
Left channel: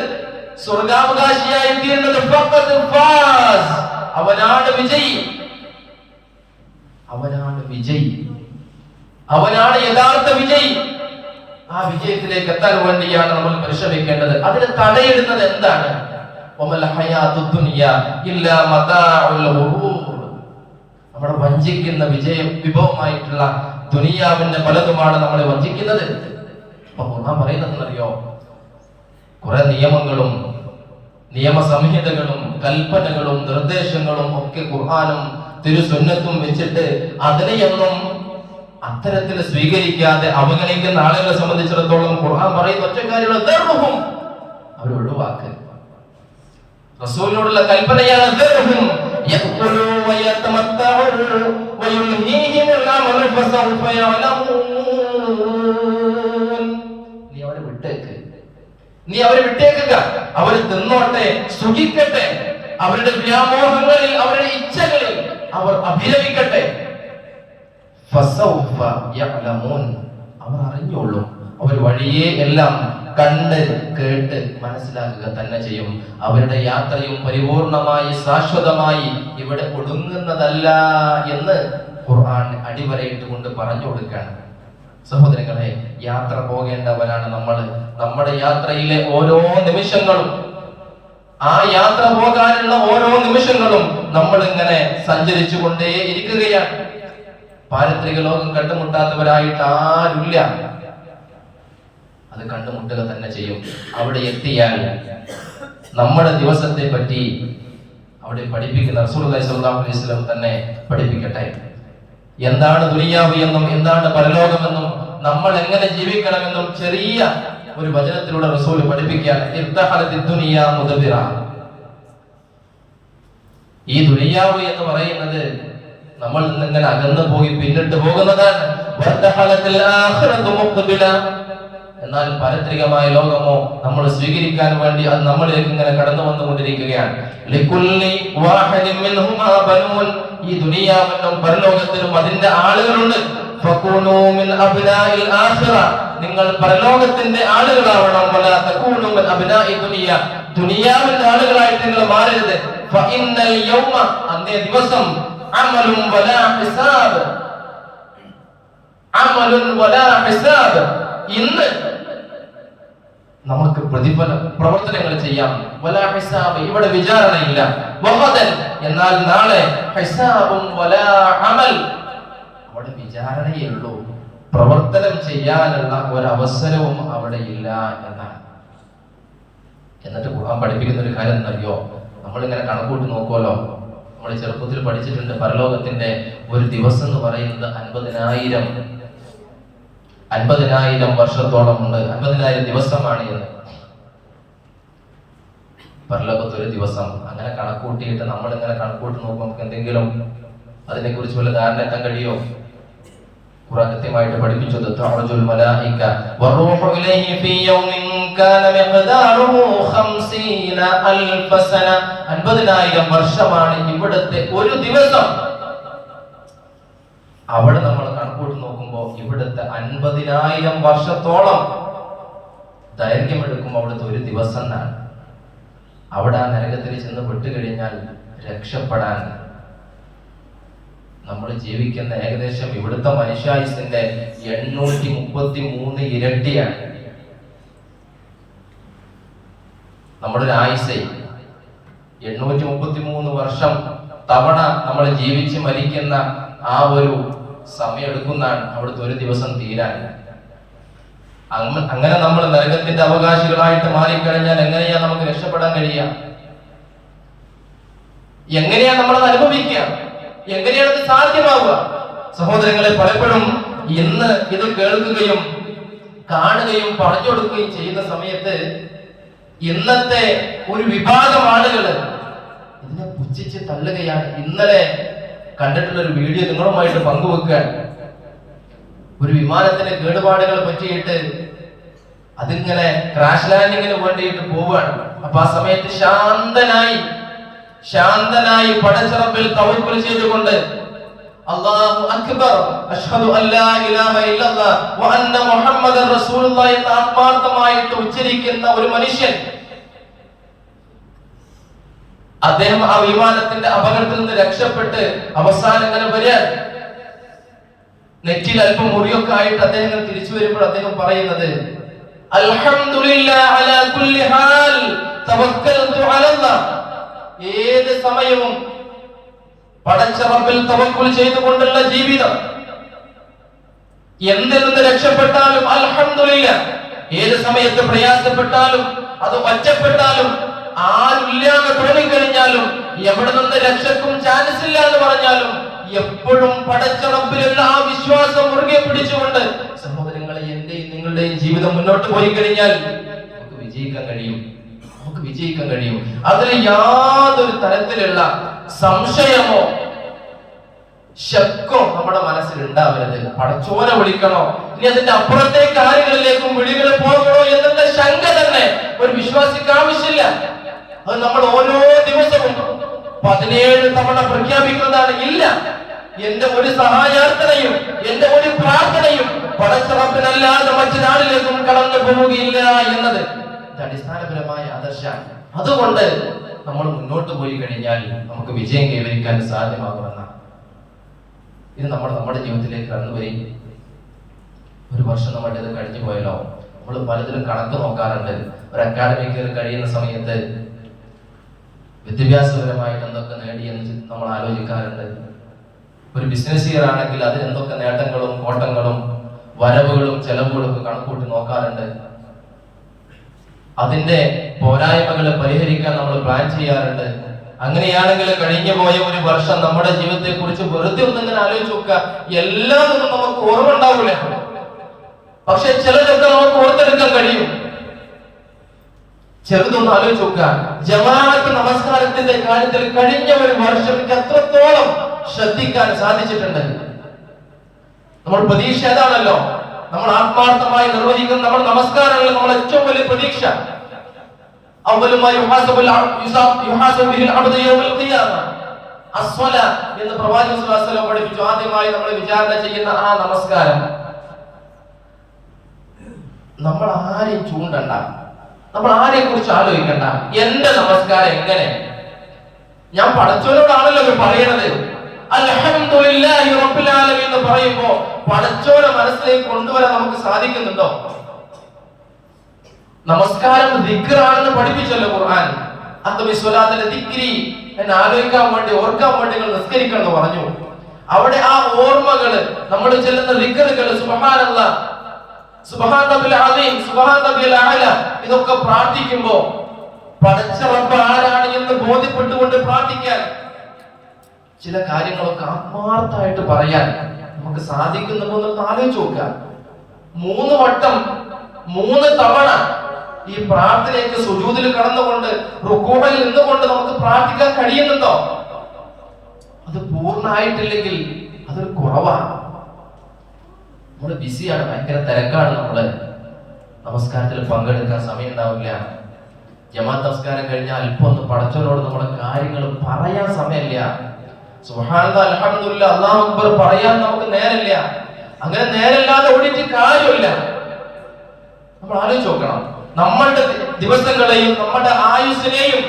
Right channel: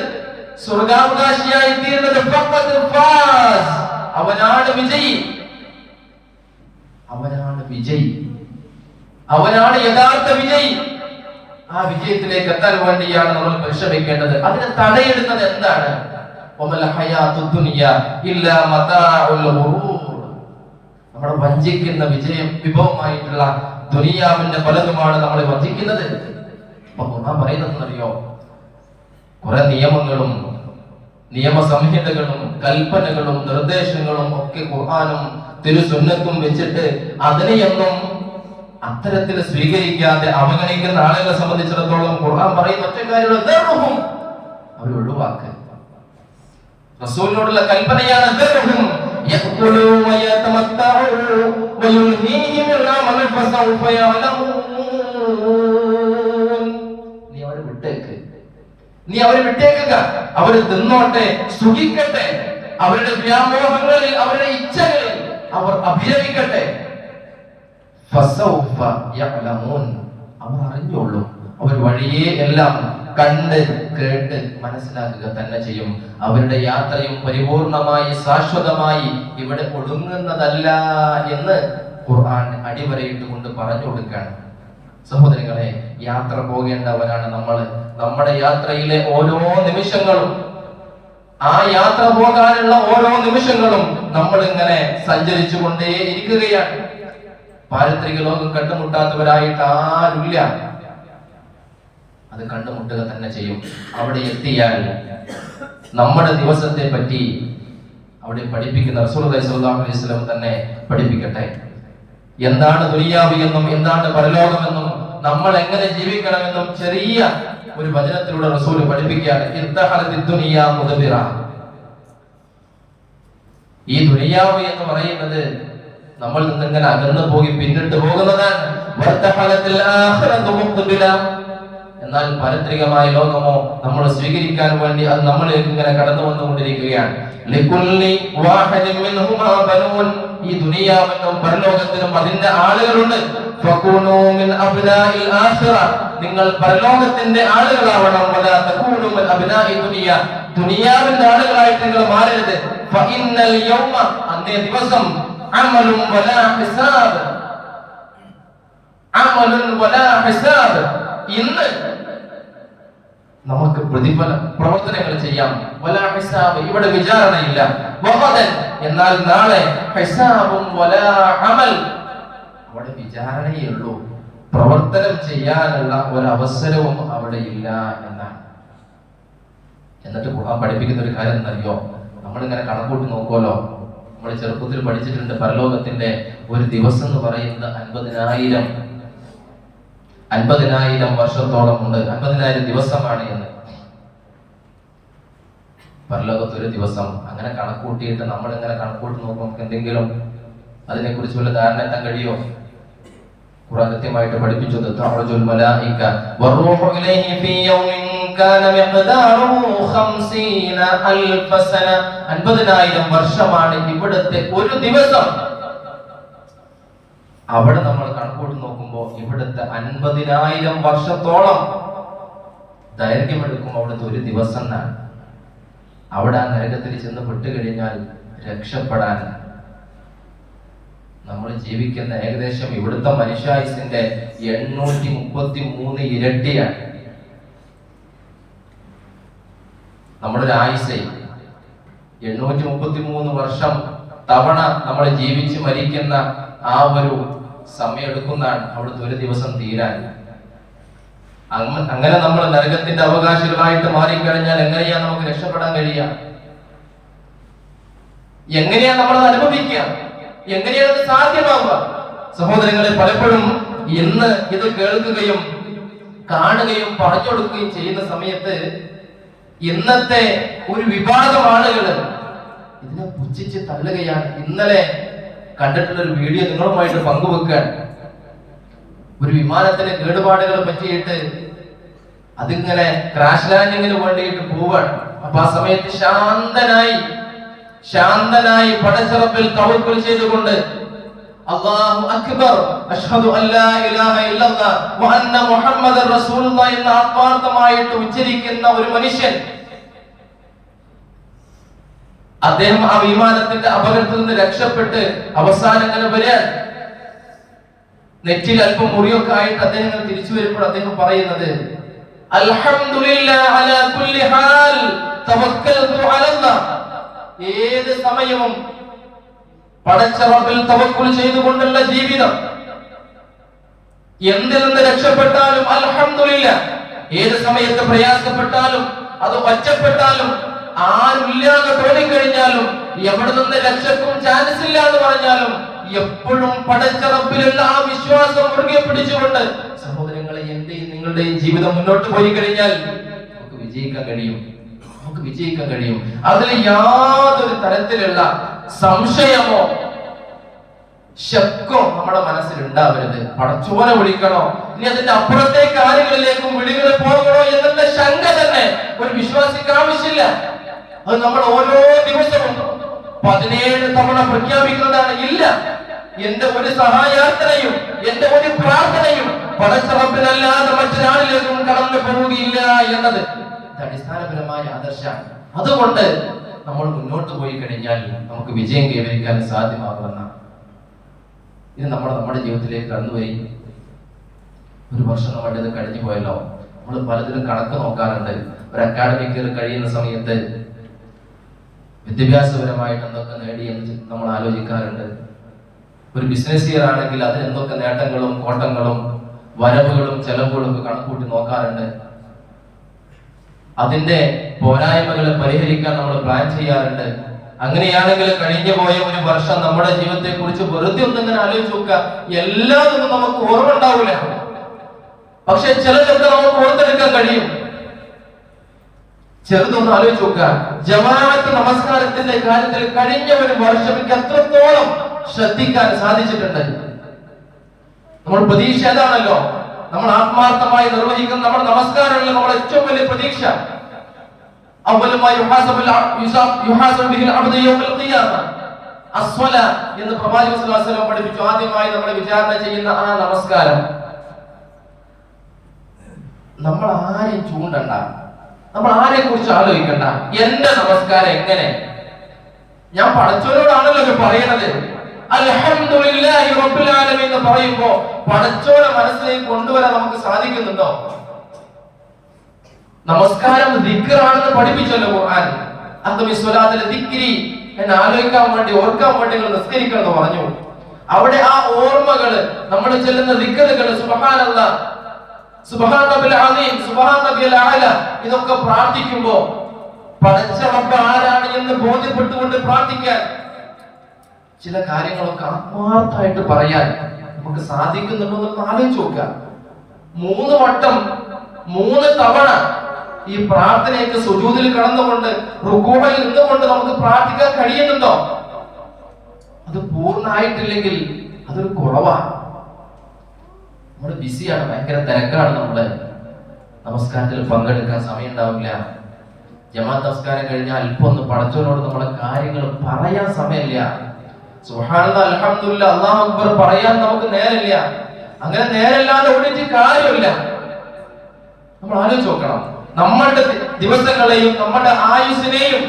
സ്വർഗാവകാശിയായി തീരുന്നത്, അവനാണ് വിജയി. അവനാണ് വിജയി, അവനാണ് യഥാർത്ഥ വിജയി. ആ വിജയത്തിലേക്ക് എത്താൻ വേണ്ടിയാണ് നമ്മൾ പരിശ്രമിക്കേണ്ടത്. അതിന് തടയിടുന്നത് എന്താണ്? നമ്മളെ വഞ്ചിക്കുന്ന വിഭവമായിട്ടുള്ള ദുനിയാവിന്റെ പലതുമാണ് നമ്മളെ വഞ്ചിക്കുന്നത്. അപ്പൊ ഖുർആൻ പറയുന്നതെന്നറിയോ? കുറെ നിയമങ്ങളും നിയമസംഹിതകളും കൽപ്പനകളും നിർദ്ദേശങ്ങളും ഒക്കെ ഖുർആനും തിരുസുന്നത്തും വെച്ചിട്ട് അതിനെയൊന്നും അത്തരത്തിൽ സ്വീകരിക്കാതെ അവഗണിക്കുന്ന ആളുകളെ സംബന്ധിച്ചിടത്തോളം ഖുർആൻ പറയുന്ന ഒറ്റ കാര്യമുള്ള അവർ ഒഴിവാക്കുക. റസൂലിനോടുള്ള കൽപ്പനയാണ് നീ അവരെ വിട്ടേക്കുക. അവർ തിന്നോട്ടെ, സുഖിക്കട്ടെ, അവരുടെ വ്യാമോഹങ്ങളിൽ, അവരുടെ ഇച്ഛകളിൽ അവർ അഭിരമിക്കട്ടെ. അവർ അറിഞ്ഞോളും. അവർ വഴിയെ എല്ലാം കണ്ട് കേട്ട് മനസ്സിലാക്കുക തന്നെ ചെയ്യും. അവരുടെ യാത്രയും പരിപൂർണമായി ശാശ്വതമായി ഇവിടെ ഒടുങ്ങുന്നതല്ല എന്ന് ഖുർആൻ അടിവരയിട്ട് കൊണ്ട് പറഞ്ഞു കൊടുക്കുകയാണ്. സഹോദരങ്ങളെ, യാത്ര പോകേണ്ടവരാണ് നമ്മൾ. നമ്മുടെ യാത്രയിലെ ഓരോ നിമിഷങ്ങളും, ആ യാത്ര പോകാനുള്ള ഓരോ നിമിഷങ്ങളും നമ്മൾ ഇങ്ങനെ സഞ്ചരിച്ചു കൊണ്ടേ ഇരിക്കുകയാണ്. പാരത്രിക ലോകം കണ്ടുമുട്ടാത്തവരായിട്ട് ആരുമില്ല. അത് കണ്ടുമുട്ടുക തന്നെ ചെയ്യും. അവിടെ എത്തിയാൽ നമ്മുടെ ദിവസത്തെ പറ്റി അവിടെ പഠിപ്പിക്കുന്ന റസൂലുള്ളാഹി സ്വല്ലല്ലാഹു അലൈഹി വസല്ലം തന്നെ പഠിപ്പിക്കട്ടെ. എന്താണ് ദുനിയാവ് എന്നും എന്താണ് പരലോകമെന്നും നമ്മൾ എങ്ങനെ ജീവിക്കണമെന്നും ചെറിയ ഒരു വചനത്തിലൂടെ റസൂൽ പഠിപ്പിക്കുകയാണ്. ഈ ദുനിയാവ് എന്ന് പറയുന്നത് നമ്മൾ നിന്നിങ്ങനെ അകന്നു പോയി പിന്നിട്ട് പോകുന്നതാണ്. എന്നാൽ പാരത്രികമായ ലോകമോ നമ്മൾ സ്വീകരിക്കാൻ വേണ്ടി അത് നമ്മളിലേക്ക് ഇങ്ങനെ കടന്നു വന്നുകൊണ്ടിരിക്കുകയാണ്. ഈ ദുനിയാവിനും പരലോകത്തിനും അതിന്റെ ആളുകളുണ്ട്. നിങ്ങൾ പരലോകത്തിന്റെ ആളുകളാവണം. ദുനിയാവിന്റെ ആളുകളായിട്ട് നിങ്ങൾ മാറരുത്. അന്നേ ദിവസം ഇന്ന് നമുക്ക് പ്രതിഫല പ്രവർത്തനങ്ങൾ ചെയ്യാം. ഇവിടെ വിചാരണയില്ല. എന്നാൽ നാളെ അവിടെ വിചാരണയേ ഉള്ളൂ. പ്രവർത്തനം ചെയ്യാനുള്ള ഒരു അവസരവും അവിടെ ഇല്ല എന്നാണ്. എന്നിട്ട് ഖുർആൻ പഠിപ്പിക്കുന്ന ഒരു കാര്യം എന്നറിയോ? നമ്മളിങ്ങനെ കണക്കൂട്ടി നോക്കുമല്ലോ. നമ്മൾ ചെറുപ്പത്തിൽ പഠിച്ചിട്ടുണ്ട്, പരലോകത്തിന്റെ ഒരു ദിവസം എന്ന് പറയുന്നത് 50,000 50,000 വർഷത്തോളമുണ്ട്, 50,000 ദിവസമാണ് എന്ന്. പരലോകത്തൊരു ദിവസം അങ്ങനെ കണക്കൂട്ടിയിട്ട് നമ്മൾ ഇങ്ങനെ കണക്കൂട്ടി നോക്കുമ്പോൾ നമുക്ക് എന്തെങ്കിലും അതിനെ കുറിച്ച് വല്ല ധാരണ എത്താൻ കഴിയോ? ഖുർആൻ കൃത്യമായിട്ട് പഠിപ്പിച്ചത് തഅറുജുൽ മലായിക വറൂഹു ഇലൈഹി ഫീ യൗമിൻ കാന മിഖ്ദാറുഹു 50,000 സന. 50,000 വർഷമാണ് ഇവിടുത്തെ ഒരു ദിവസം. അവിടെ നമ്മൾ കണക്കൂട്ടി നോക്കുമ്പോൾ ഇവിടുത്തെ 50,000 വർഷത്തോളം ദൈർഘ്യം എടുക്കുമ്പോൾ അവിടുത്തെ ഒരു ദിവസം എന്നാണ്. അവിടെ ആ നരകത്തിൽ ചെന്ന് പെട്ടുകഴിഞ്ഞാൽ രക്ഷപ്പെടാൻ നമ്മൾ ജീവിക്കുന്ന ഏകദേശം ഇവിടുത്തെ മനുഷ്യായുസിന്റെ 833 ഇരട്ടിയാണ്. നമ്മുടെ ഒരു ആയുസ് 833 വർഷം തവണ നമ്മൾ ജീവിച്ച് മരിക്കുന്ന ആ ഒരു സമയം എടുക്കുന്നതാണ് അവിടുത്തെ ഒരു ദിവസം തീരാൻ. അങ്ങനെ നമ്മൾ നരകത്തിന്റെ അവകാശികളായിട്ട് മാറിക്കഴിഞ്ഞാൽ എങ്ങനെയാ നമുക്ക് രക്ഷപ്പെടാൻ കഴിയുക? എങ്ങനെയാ നമ്മൾ അത് അനുഭവിക്കുക? എങ്ങനെയാണ് അത് സാധ്യമാവുക? സഹോദരങ്ങളെ, പലപ്പോഴും ഇന്ന് ഇത് കേൾക്കുകയും കാണുകയും പറഞ്ഞു കൊടുക്കുകയും ചെയ്യുന്ന സമയത്ത് ഇന്നത്തെ ഒരു വിഭാഗം ആളുകൾ ഇതിനെ പുച്ഛിച്ച് തള്ളുകയാണ്. ഇന്നലെ കണ്ടിട്ടുള്ള ഒരു വീഡിയോ നിങ്ങളുമായിട്ട് പങ്കുവെക്കാൻ, ഒരു വിമാനത്തിന്റെ കേടുപാടുകളെ പറ്റിയിട്ട് അതിങ്ങനെ ക്രാഷ് ലാൻഡിങ്ങിന് വേണ്ടിയിട്ട് പോവാണ്. അപ്പൊ ആ സമയത്ത് ശാന്തനായി പടച്ചറപ്പിൽ തവക്കുൽ ചെയ്തുകൊണ്ട് അല്ലാഹു അക്ബർ അഷ്ഹദു അല്ലാ ഇലാഹ ഇല്ലല്ലാഹ് വ അന്ന മുഹമ്മദർ റസൂലുള്ളാഹി എന്ന ആത്മാർത്ഥമായിട്ട് ഉച്ചരിക്കുന്ന ഒരു മനുഷ്യൻ, അദ്ദേഹം ആ വിമാനത്തിന്റെ അപകടത്തിൽ നിന്ന് രക്ഷപ്പെട്ട് അവസാനം ഇങ്ങനെ വരിക, നെറ്റിൽ അല്പം മുറിയൊക്കെ ആയിട്ട് അദ്ദേഹം തിരിച്ചു വരുമ്പോൾ അദ്ദേഹം പറയുന്നത് അൽഹംദുലില്ലാഹി അലാ കുല്ലി ഹാൽ തവക്കൽതു അലല്ലാഹ്. ഏത് സമയവും പടച്ച റബ്ബിൽ തവക്കുൽ ചെയ്തുകൊണ്ടുള്ള ജീവിതം. എന്തിൽ നിന്ന് രക്ഷപ്പെട്ടാലും അൽഹംദുലില്ലാഹ്. ഏത് സമയത്ത് പ്രയാസപ്പെട്ടാലും അത് ഒറ്റപ്പെട്ടാലും ആരുമില്ലാതെ തോന്നിക്കഴിഞ്ഞാലും എവിടെ നിന്ന് രക്ഷക്കും ചാൻസ് ഇല്ല എന്ന് പറഞ്ഞാലും എപ്പോഴും പടച്ച റബ്ബിലുള്ള ആ വിശ്വാസം മുറുകെ പിടിച്ചുകൊണ്ട് സഹോദരങ്ങളെ എന്റെയും നിങ്ങളുടെയും ജീവിതം മുന്നോട്ട് പോയി കഴിഞ്ഞാൽ നമുക്ക് വിജയിക്കാൻ കഴിയും. അതിൽ യാതൊരു തരത്തിലുള്ള സംശയമോ ശക്കോ നമ്മുടെ മനസ്സിൽ ഉണ്ടാവരുത്. പടച്ചോനെ വിളിക്കണോ, ഇനി അതിന്റെ അപ്പുറത്തെ കാര്യങ്ങളിലേക്കും വിളികൾ പോകണോ എന്നുള്ള ശങ്ക തന്നെ ഒരു വിശ്വാസിക്ക് ആവശ്യമില്ല. അത് നമ്മൾ ഓരോ ദിവസവും 17 തവണ പ്രഖ്യാപിക്കുന്നതാണ്. ഇല്ല, എന്റെ ഒരു സഹായാർത്ഥനയും എന്റെ ഒരു പ്രാർത്ഥനയും പടച്ച റബ്ബിനല്ലാതെ മറ്റൊരാളിലേക്കും കടന്നു പോവുകയില്ല എന്നത് അടിസ്ഥാനപരമായ ആദർശമാണ്. അതുകൊണ്ട് നമ്മൾ മുന്നോട്ട് പോയി കഴിഞ്ഞാൽ നമുക്ക് വിജയം കൈവരിക്കാൻ സാധ്യമാകുമെന്ന ഇത് നമ്മുടെ ജീവിതത്തിലേക്ക് കടന്നുവരും. ഒരു വർഷം നമ്മുടെ ഇത് കഴിഞ്ഞു പോയല്ലോ. നമ്മൾ പലതിലും കണക്ക് നോക്കാറുണ്ട്. ഒരു അക്കാഡമിക് ഇയർ കഴിയുന്ന സമയത്ത് വിദ്യാഭ്യാസപരമായിട്ട് എന്തൊക്കെ നേടിയെന്ന് നമ്മൾ ആലോചിക്കാറുണ്ട്. ഒരു ബിസിനസ് ഇയർ ആണെങ്കിൽ അതിന് എന്തൊക്കെ നേട്ടങ്ങളും കോട്ടങ്ങളും വരവുകളും ചെലവുകളും ഒക്കെ കണക്കൂട്ടി നോക്കാറുണ്ട്. അതിന്റെ പോരായ്മകളെ പരിഹരിക്കാൻ നമ്മൾ പ്ലാൻ ചെയ്യാറുണ്ട്. അങ്ങനെയാണെങ്കിൽ കഴിഞ്ഞു പോയ ഒരു വർഷം നമ്മുടെ ജീവിതത്തെ കുറിച്ച് വെറുതെ ഒന്നിങ്ങനെ ആലോചിച്ച് നോക്കുക. എല്ലാവരും നമുക്ക് ഓർമ്മ ഉണ്ടാവില്ല, പക്ഷെ ചിലതൊക്കെ നമുക്ക് ഓർത്തെടുക്കാൻ കഴിയും. ചെറുതൊന്ന് ആലോചിച്ച് നോക്കുക. ജമാഅത്ത് നമസ്കാരത്തിന്റെ കാര്യത്തിൽ കഴിഞ്ഞ ഒരു വർഷം എത്രത്തോളം ശ്രദ്ധിക്കാൻ സാധിച്ചിട്ടുണ്ട്. നമ്മൾ പ്രതീക്ഷ ഏതാണല്ലോ, നമ്മൾ ആത്മാർത്ഥമായി നിർവഹിക്കുന്ന നമ്മുടെ നമസ്കാരങ്ങളിൽ നമ്മുടെ ഏറ്റവും വലിയ പ്രതീക്ഷ എന്ന് പ്രവാചകൻ സ്വല്ലല്ലാഹു അലൈഹി വസല്ലം പഠിപ്പിച്ചു. ആദ്യമായി നമ്മൾ വിചാരണ ചെയ്യുന്ന ആ നമസ്കാരം. നമ്മൾ ആരെയും ചൂണ്ടണ്ട, നമ്മൾ ആരെ കുറിച്ച് ആലോചിക്കണ്ട. എന്റെ നമസ്കാരം എങ്ങനെ, ഞാൻ പടച്ചവനോടാണല്ലോ പറയണത്. അൽഹംദുലില്ലാഹി റബ്ബിൽ ആലമീൻ എന്ന് പറയുമ്പോ പടച്ചവനെ മനസ്സിലേക്ക് കൊണ്ടുവരാൻ നമുക്ക് സാധിക്കുന്നുണ്ടോ? നമസ്കാരം ദിക്റാണെന്ന് പഠിപ്പിച്ചല്ലോ ഖുർആൻ. അഖ്മി സ്വലാത്തിലെ ദിക്രി എന്ന് ആലോചിക്കാൻ വേണ്ടി, ഓർക്കാൻ വേണ്ടി നിങ്ങൾ നിസ്കരിക്കണം പറഞ്ഞു. അവിടെ ആ ഓർമ്മകള്, നമ്മൾ ചെല്ലുന്ന ദിക്റുകൾ, സുബ്ഹാനല്ലാഹ്, സുബ്ഹാന റബ്ബിൽ അസീം, സുബ്ഹാന റബ്ബിൽ അഅല, ഇതൊക്കെ പ്രാർത്ഥിക്കുമ്പോൾ പടച്ച റബ്ബ് ആരാണ് എന്ന് ബോധ്യപ്പെട്ടുകൊണ്ട് പ്രാർത്ഥിക്കാൻ, ചില കാര്യങ്ങളൊക്കെ ആത്മാർത്ഥമായിട്ട് പറയാൻ നമുക്ക് സാധിക്കുന്നുണ്ടോ എന്ന് ആലോചിച്ച് നോക്കുക. 3 വട്ടം 3 തവണ ഈ പ്രാർത്ഥനയ്ക്ക് സുജൂദിൽ കടന്നുകൊണ്ട് റുകൂഇൽ നിന്നുകൊണ്ട് നമുക്ക് പ്രാർത്ഥിക്കാൻ കഴിയുന്നുണ്ടോ? അത് പൂർണ്ണമായിട്ടില്ലെങ്കിൽ അതൊരു കുറവാണ്. നമ്മള് ബിസിയാണ്, ഭയങ്കര തിരക്കാണ്. നമ്മള് നമസ്കാരത്തിൽ പങ്കെടുക്കാൻ സമയം ഉണ്ടാവില്ല. ജമാഅത്ത് നമസ്കാരം കഴിഞ്ഞാൽ അല്പം ഒന്ന് പടച്ചവനോട് നമ്മുടെ കാര്യങ്ങൾ പറയാൻ സമയമില്ല. സുബ്ഹാനല്ലാഹ്, അൽഹംദുലില്ലാഹ്, അല്ലാഹു അക്ബർ പറയാൻ നമുക്ക് നേരമില്ല. അങ്ങനെ നേരമില്ലാതെ ഓടിയിട്ട് കാര്യമില്ല. നമ്മൾ ആലോചിച്ച് നോക്കണം. നമ്മുടെ ദിവസങ്ങളെയും നമ്മുടെ ആയുസ്സിനെയും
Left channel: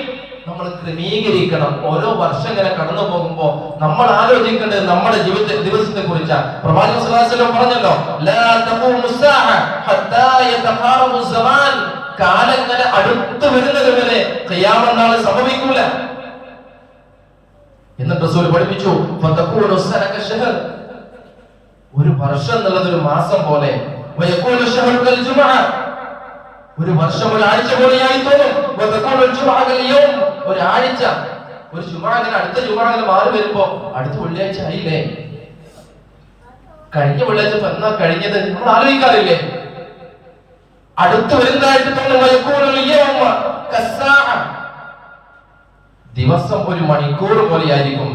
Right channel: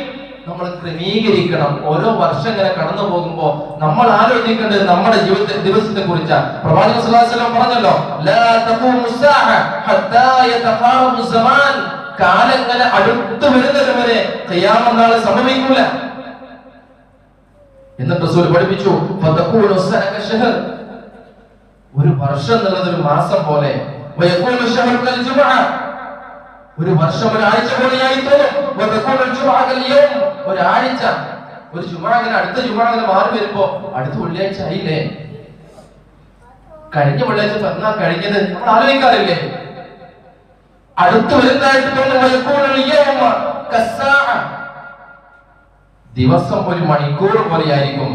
നമ്മൾ ക്രമീകരിക്കണം. ഓരോ വർഷം ഇങ്ങനെ കടന്നു പോകുമ്പോൾ നമ്മൾ ആലോചിക്കേണ്ടത് നമ്മുടെ ദിവസത്തെ കുറിച്ചാണ്. പ്രവാചകൻ സ്വല്ലല്ലാഹു അലൈഹി വസല്ലം പറഞ്ഞല്ലോ, ലാ തഖൂമു സ്സാഅ ഹത്താ യതഖാറബു സമാൻ. കാലം ഇങ്ങനെ അടുത്തു വരുന്നത് വരെ ഖിയാമത്ത് നാൾ സംഭവിക്കൂല എന്ന് റസൂൽ പഠിപ്പിച്ചു. ഫതഖൂലു സ്സാഅ ശഹർ, ഒരു വർഷം എന്നുള്ളത് ഒരു മാസം പോലെ. വയഖൂലു ശഹറു കൽ ജുമുഅ, ഒരു വർഷം ഒരാഴ്ച പോലെയായി തോന്നും. വതഖൂലു ജുമുഅ കൽ യൗം, ഒരാഴ്ച ഒരു ജുമുഅ അടുത്ത ജുമുഅ മാറി വരുമ്പോ അടുത്ത വെള്ളിയാഴ്ച ആയില്ലേ, കഴിഞ്ഞ വെള്ളിയാഴ്ച എന്നാ കഴിഞ്ഞത് നമ്മൾ ആലോചിക്കാറില്ലേ? അടുത്ത് വരുന്നതായിട്ട് തോന്നുന്നു. ദിവസം ഒരു മണിക്കൂർ പോലെയായിരിക്കും.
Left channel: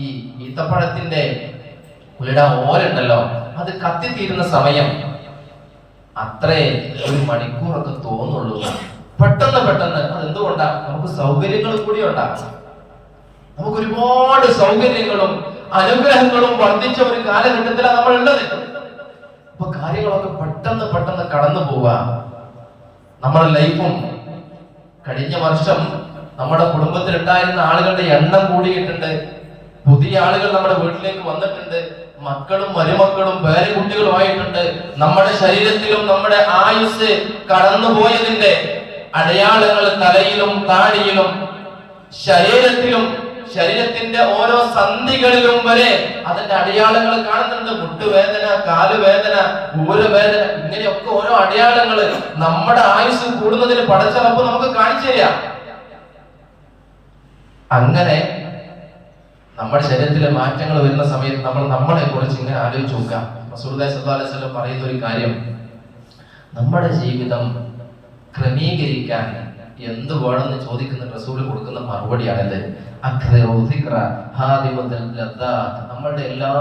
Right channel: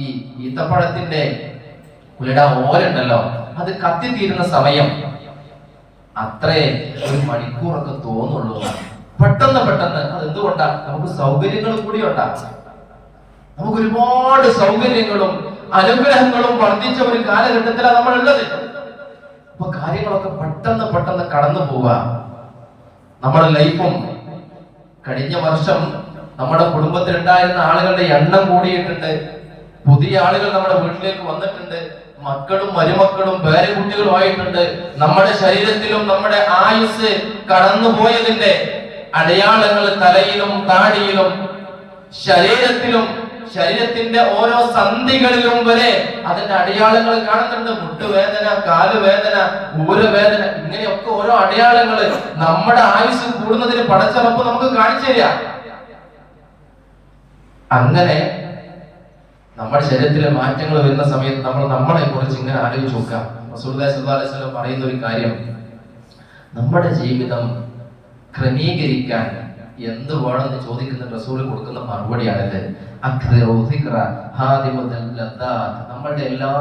ഈ ഈത്തപ്പഴത്തിന്റെ ഓരുണ്ടല്ലോ, അത് കത്തിത്തീരുന്ന സമയം അത്രേ ഒരു മണിക്കൂറൊക്കെ തോന്നുള്ളൂ. പെട്ടെന്ന് പെട്ടെന്ന്. അതെന്തുകൊണ്ടാ? നമുക്ക് സൗകര്യങ്ങൾ കൂടി ഉണ്ടാകും. നമുക്ക് ഒരുപാട് സൗകര്യങ്ങളും അനുഗ്രഹങ്ങളും വർദ്ധിച്ച ഒരു കാലഘട്ടത്തിലാണ് നമ്മൾ ഉള്ളത്. അപ്പൊ കാര്യങ്ങളൊക്കെ പെട്ടെന്ന് പെട്ടെന്ന് കടന്നു പോവുക. നമ്മുടെ ലൈഫും കഴിഞ്ഞ വർഷം നമ്മുടെ കുടുംബത്തിൽ ഉണ്ടായിരുന്ന ആളുകളുടെ എണ്ണം കൂടിയിട്ടുണ്ട്. പുതിയ ആളുകൾ നമ്മുടെ വീട്ടിലേക്ക് വന്നിട്ടുണ്ട്. മക്കളും മരുമക്കളും പേരക്കുട്ടികളുമായിട്ടുണ്ട്. നമ്മുടെ ശരീരത്തിലും നമ്മുടെ ആയുസ് കടന്നുപോയതിന്റെ അടയാളങ്ങൾ തലയിലും താടിയിലും ശരീരത്തിലും ശരീരത്തിന്റെ ഓരോ സന്ധികളിലും വരെ അതിന്റെ അടയാളങ്ങൾ കാണുന്നുണ്ട്. മുട്ടുവേദന, കാലുവേദന, ഊരവേദന, ഇങ്ങനെയൊക്കെ ഓരോ അടയാളങ്ങൾ നമ്മുടെ ആയുസ് കൂടുന്നതിന് പടച്ചറപ്പ് നമുക്ക് കാണിച്ചു തരാം. അങ്ങനെ നമ്മുടെ ശരീരത്തിലെ മാറ്റങ്ങൾ വരുന്ന സമയത്ത് നമ്മൾ നമ്മളെ കുറിച്ച് ഇങ്ങനെ ആലോചിച്ച് നോക്കുക. റസൂലുള്ളാഹി സ്വല്ലല്ലാഹു അലൈഹി വസല്ലം പറയുന്ന ഒരു കാര്യം, നമ്മുടെ ജീവിതം ക്രമീകരിക്കാൻ എന്ത് വേണമെന്ന് ചോദിക്കുന്ന റസൂൽ കൊടുക്കുന്ന മറുപടിയാണിത്. നമ്മുടെ എല്ലാ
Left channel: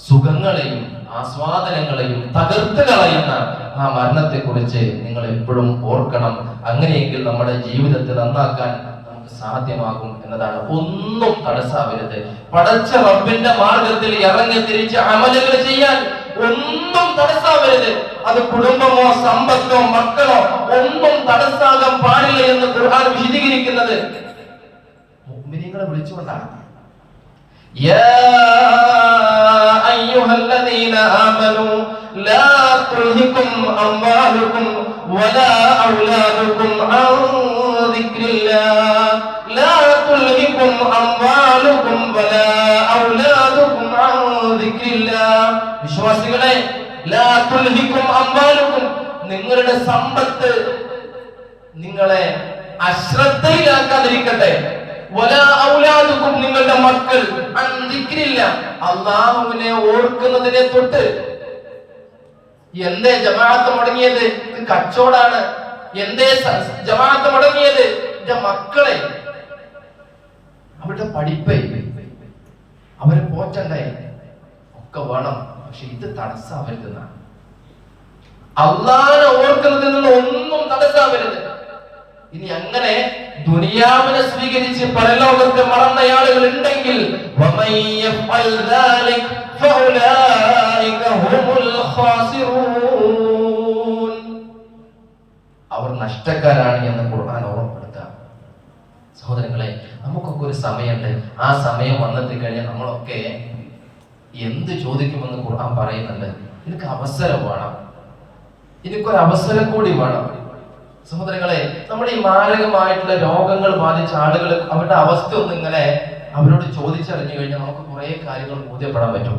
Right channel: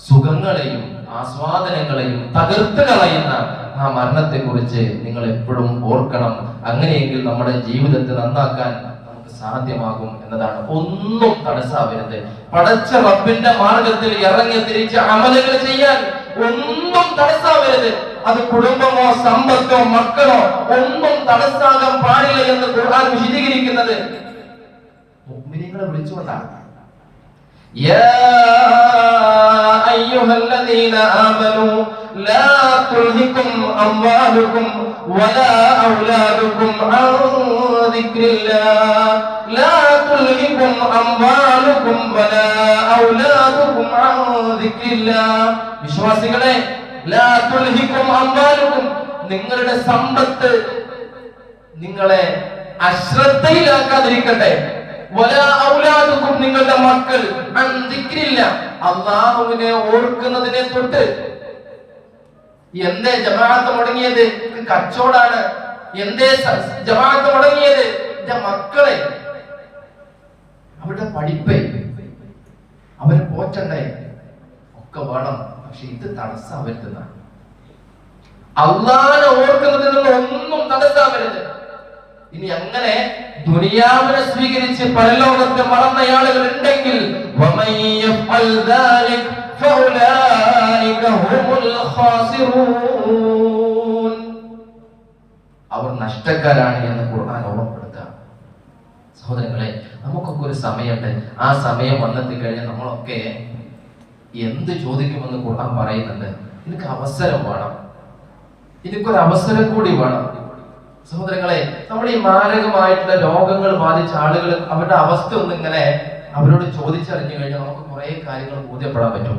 സുഖങ്ങളെയും ആസ്വാദനങ്ങളെയും തകർത്ത് കളയുന്ന ആ മരണത്തെ കുറിച്ച് നിങ്ങൾ എപ്പോഴും ഓർക്കണം. അങ്ങനെയെങ്കിൽ നമ്മുടെ ജീവിതത്തെ നന്നാക്കാൻ നമുക്ക് സാധ്യമാകും എന്നതാണ്. ഒന്നും തടസ്സാവരുത്. പടച്ച റബ്ബിന്റെ മാർഗത്തിൽ ഇറങ്ങി തിരിച്ച് അമലുകൾ ചെയ്യാൻ ഒന്നും തടസ്സാവരുത്. അത് കുടുംബമോ സമ്പത്തോ മക്കളോ ഒന്നും തടസ്സാകാൻ പാടില്ല എന്ന് ഖുർആൻ വിശദീകരിക്കുന്നത് മുഅ്മിനീങ്ങളെ വിളിച്ചുകൊണ്ടാണ്. യാ അയ്യുഹല്ലദീന ആമനൂ ലാ തുൽഹികും അംവാലുകും വലാ ഔലാദുകും അൻ ദിക്രില്ലാഹ് ലാ തുൽഹികും അംവാലുകും വലാ ഔലാദുകും അൻ ദിക്രില്ലാഹ്. വിശ്വാസികളെ, ലാ തുൽഹികും അംവാലുകും, നിങ്ങളുടെ സമ്പത്ത് നിങ്ങളെ അശ്രദ്ധയിലാക്കാതിരിക്കട്ടെ. വലാ ഔലാദുകും, നിങ്ങളുടെ മക്കൾ അൻ ദിക്രില്ലാഹ്, അല്ലാഹുവിനെ ഓർക്കുന്നതിനെ തൊട്ട്. എന്തേ ജമാഅത്ത് മുടങ്ങിയത്? കച്ചവടാണ്. എന്തേ ജമാഅത്ത് മുടങ്ങിയത്? എന്റെ മക്കളെ, അവരുടെ പഠിപ്പേ, അവരെ പോറ്റണ്ടേ, ഒക്കെ വേണം. പക്ഷെ ഇത് തടസ്സാവരുതെന്നാണ്. അല്ലാഹുവിനെ ഓർക്കുന്നതിനുള്ള ഒന്നും തടസ്സാവരുത്. ഇനി അങ്ങനെ ദുനിയാവിനെ സ്വീകരിച്ച് പരലോകത്തെ മറന്ന ആളുകൾ ഉണ്ടെങ്കിൽ അവർ നഷ്ടക്കാരാണ് എന്ന് ഖുർആൻ ഓർമ്മപ്പെടുത്തുക. സഹോദരങ്ങളെ, നമുക്കൊക്കെ ഒരു സമയമുണ്ട്. ആ സമയം വന്നെത്തി കഴിഞ്ഞാൽ നമ്മളൊക്കെ എന്ത് ചോദിക്കുമെന്ന് ഖുർആൻ പറയുന്നുണ്ട്. ഇതിനൊക്കെ അവസരം വേണം. ഇതിനൊരു അവസരം കൂടി വേണം. സഹോദരങ്ങളെ, നമ്മുടെ ഈ മാരകമായിട്ടുള്ള രോഗങ്ങൾ ബാധിച്ച ആളുകൾ അവരുടെ അവസ്ഥ ഒന്നും ഇങ്ങനെ അവരോട് ചോദിച്ചറിഞ്ഞു കഴിഞ്ഞാൽ നമുക്ക് കുറെ കാര്യങ്ങൾ ബോധ്യപ്പെടാൻ പറ്റും.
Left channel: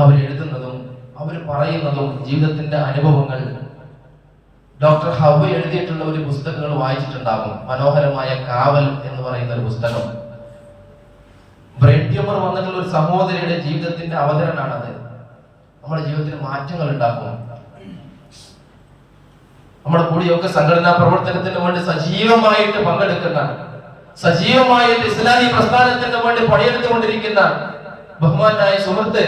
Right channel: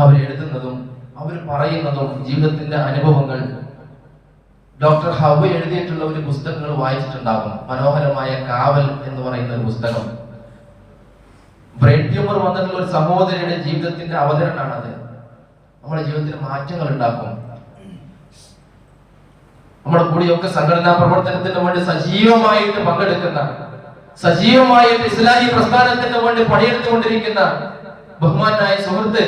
അവരെഴുതുന്നതും അവർ പറയുന്നതും ജീവിതത്തിന്റെ അനുഭവങ്ങൾ ഡോക്ടർ ഹൗ എഴുതിയിട്ടുള്ള ഒരു പുസ്തകങ്ങൾ വായിച്ചിട്ടുണ്ടാകും. മനോഹരമായ കാവൽ എന്ന് പറയുന്ന ഒരു പുസ്തകം. ബ്രെയിൻ ട്യൂമർ വന്നിട്ടുള്ള ഒരു സഹോദരിയുടെ ജീവിതത്തിന്റെ അവതരണമാണത്. നമ്മുടെ ജീവിതത്തിൽ മാറ്റങ്ങൾ ഉണ്ടാക്കും. നമ്മുടെ കൂടിയൊക്കെ സംഘടനാ പ്രവർത്തനത്തിന് വേണ്ടി സജീവമായിട്ട് പങ്കെടുക്കുന്ന, സജീവമായിട്ട് ഇസ്ലാമി പ്രസ്ഥാനത്തിന് വേണ്ടി പണിയെടുത്തുകൊണ്ടിരിക്കുന്ന ബഹുമാനായ സുഹൃത്ത്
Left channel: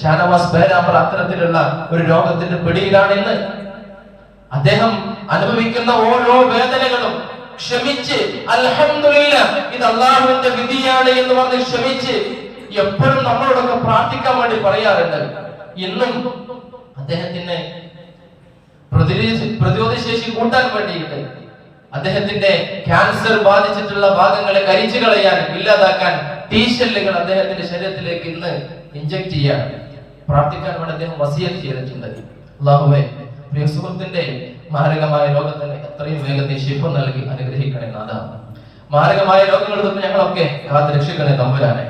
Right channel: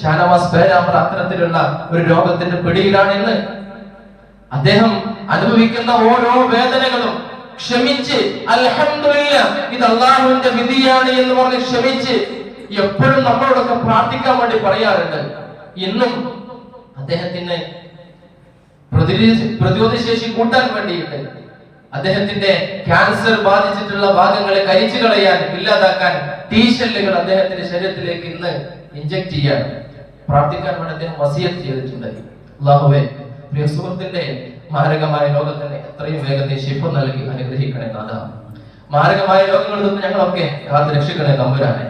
ഷാനവാസ് പേരാമ്പ്ര അത്തരത്തിലുള്ള ഒരു രോഗത്തിന്റെ പിടിയിലാണെന്ന്. അദ്ദേഹം അനുഭവിക്കുന്ന ഓരോ വേദനകളും ക്ഷമിച്ച് അൽഹംദുലില്ലാഹ് ഇത് അല്ലാഹുവിന്റെ വിധിയാണ് എന്ന് പറഞ്ഞ് ക്ഷമിച്ച് എപ്പോഴും നമ്മളോടൊക്കെ പ്രാർത്ഥിക്കാൻ വേണ്ടി പറയാറുണ്ട്. ഇന്നും അദ്ദേഹത്തിന് പ്രതിരോധശേഷി കൂട്ടാൻ വേണ്ടിയിട്ട് അദ്ദേഹത്തിന്റെ ക്യാൻസർ ബാധിച്ചിട്ടുള്ള ഭാഗങ്ങളെ കരിച്ചു കളയാൻ, ഇല്ലാതാക്കാൻ ടീഷെല്ലുകൾ അദ്ദേഹത്തിന്റെ ശരീരത്തിലേക്ക് ഇന്ന് ഇഞ്ചക്ട് ചെയ്യാൻ പ്രാർത്ഥിക്കാൻ വേണ്ടി അദ്ദേഹം വസിയത്ത് ചെയ്തിട്ടുണ്ട്. അല്ലാഹുവേ, പ്രിയ സുഹൃത്തിന്റെ മാരകമായ രോഗത്തിന് എത്രയും വേഗത്തിൽ ശിഫ നൽകി അനുഗ്രഹിക്കണേ നാഥ. മാരകമായ രോഗങ്ങളിൽ നിന്ന് ഞങ്ങളൊക്കെ കാത്ത് രക്ഷിക്കണേ തമ്പുരാനെ.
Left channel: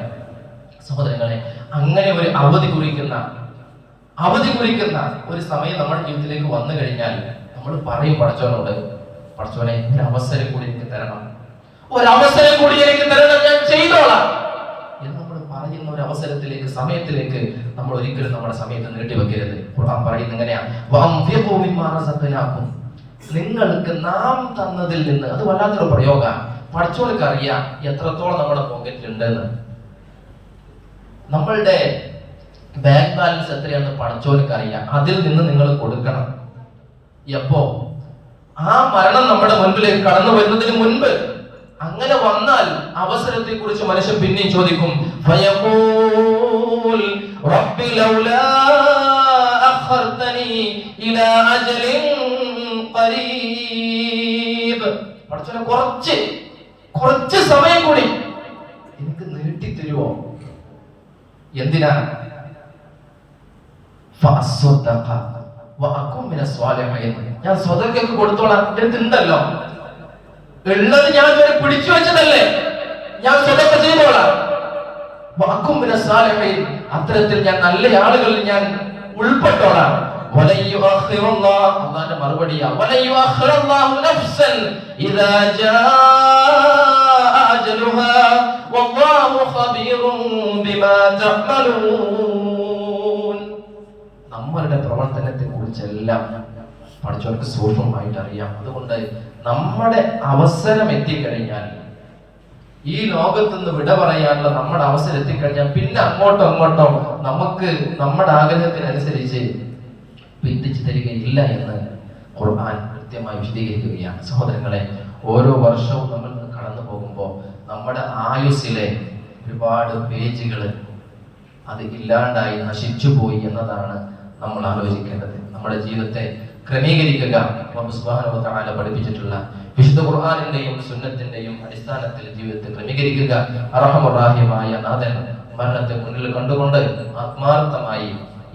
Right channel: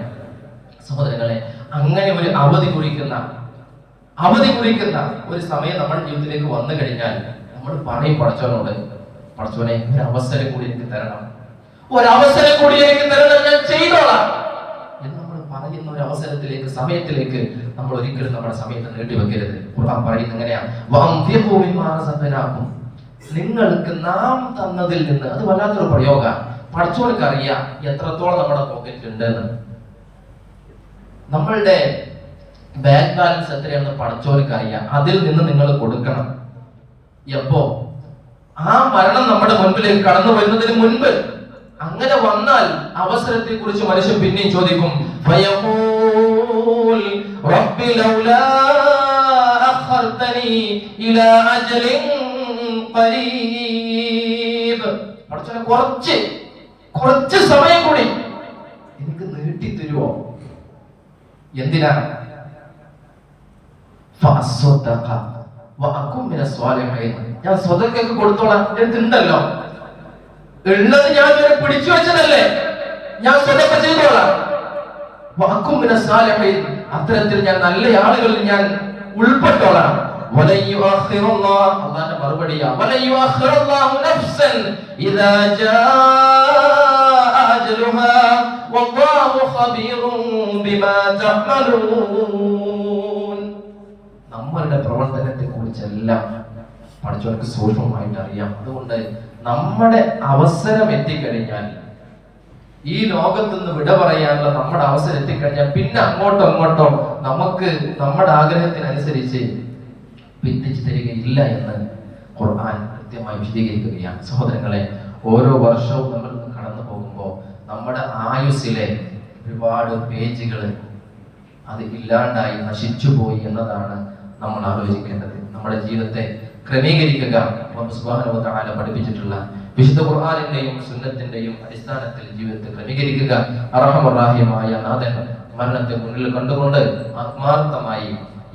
സഹോദരങ്ങളെ, അങ്ങനെ ഒരു അവധി കുറിക്കുന്ന ഒരു സമയം നമ്മുടെ ജീവിതത്തിലേക്ക് വന്നു കഴിഞ്ഞാൽ നമ്മൾ പറയും പടച്ചവനോട്, പടച്ചവനെ ഒരു അവസരം കൂടി എനിക്ക് തരണം, ഒരവസരം കൂടി എനിക്ക് തരണം, ഞാൻ ചെയ്തോളാം എന്ന് നമ്മൾ പറയുന്ന ഒരു അവസരത്തിലേക്ക്, സമയത്തിലേക്ക് നമ്മൾ ഒരിക്കലും നമ്മുടെ സമയത്ത് നീട്ടിവെക്കരുത്. ഖുർആൻ പറയുന്നത് എങ്ങനെയാ? നിങ്ങൾക്ക് നാം തന്നതിൽ നിന്ന്. അത് വല്ലാത്തൊരു പ്രയോഗം. പടച്ചവർക്ക് അറിയാം എത്രത്തോളം നമ്മുടെ പോക്കറ്റിലുണ്ട് എന്ന്. നമ്മളുടെ ബാങ്ക് ബാലൻസ് എത്രയാണെന്ന് പടച്ചവർക്ക് അറിയാം. അതിൽ നിന്ന് നിങ്ങൾ കൊടുക്കണം. എപ്പോ? ആ മരണം നമ്മുടെ മുൻപിലേക്ക് കടന്നു വരുന്നതിന് മുൻപ്. അങ്ങനെ വന്നാൽ അവസരത്തെ കുറിച്ച് മനുഷ്യൻ പിന്നെയും ചോദിക്കും. റബ്ബി ലൗലാ അഖർതനി ഇലാ അജലിൻ ഖരീബ്. പടച്ചവനെ കുറച്ച് സമയം കൂടി എനിക്ക് നീട്ടി തരുമോ? എന്തിനാ? ഞാൻ സ്വതക്കൊക്കെ കൊടുത്തോളാം. എന്തുണ്ടല്ലോ ഉള്ളത് ഞാൻ പിടിച്ചു വെച്ചതല്ലേ, ഞാൻ സ്വതക്ക ചെയ്തോളാം. അത്തരത്തിൽ ഞാൻ നല്ല ആളുകളിൽ ഞാൻ ഉൾപ്പെട്ടോളാം. അല്ലാഹുവിന്റെ മറുപടിയാ നമ്മളുടെ പ്രവർത്തനത്തെ കുറിച്ചെല്ലാം പടച്ചവർക്ക് സൂക്ഷ്മമായിട്ട് അറിയാം. അതുകൊണ്ട് നമ്മുടെ അവസരം എത്തിക്കഴിഞ്ഞാൽ, ഈ ലോകത്ത് നിന്ന് വിട പറയാനുള്ള നമ്മുടെ അവസരം എത്തിക്കഴിഞ്ഞാൽ പിന്നെ അങ്ങോട്ടോ നമുക്ക് നമ്മുടെ ആഗ്രഹത്തിനനുസരിച്ച് വിധിച്ചു തരികയില്ല എന്ന് ഖുർആൻ കൃത്യമായി വിശദീകരിക്കുകയാണ്. സഹോദരങ്ങളെ, ഓരോ വർഷവും നമ്മൾ കടന്നു പോകുമ്പോൾ നമ്മുടെ ആയുസ്സിലെ ഒരുപാട് പേജുകൾ അത് ഇല്ലാണ്ടായി നശിച്ചുപോയി എന്നതാണ് നമ്മൾ ആലോചിക്കേണ്ടത്. നമ്മുടെ ജീവിതത്തെ ക്രമീകരിക്കുക അല്ലാഹു സുബ്ഹാനഹു വ തആല പഠിപ്പിച്ചിട്ടുള്ള വിശുദ്ധ ഖുർആനിന്റെയും സുന്നത്തിന്റെയും അടിസ്ഥാനത്തിൽ ജീവിതത്തെ ക്രമീകരിക്കുക. അർഹമർ റഹീമായ നാഥൻ മരണത്തെ മുന്നിൽ കണ്ടുകൊണ്ട് ആത്മാർത്ഥമായി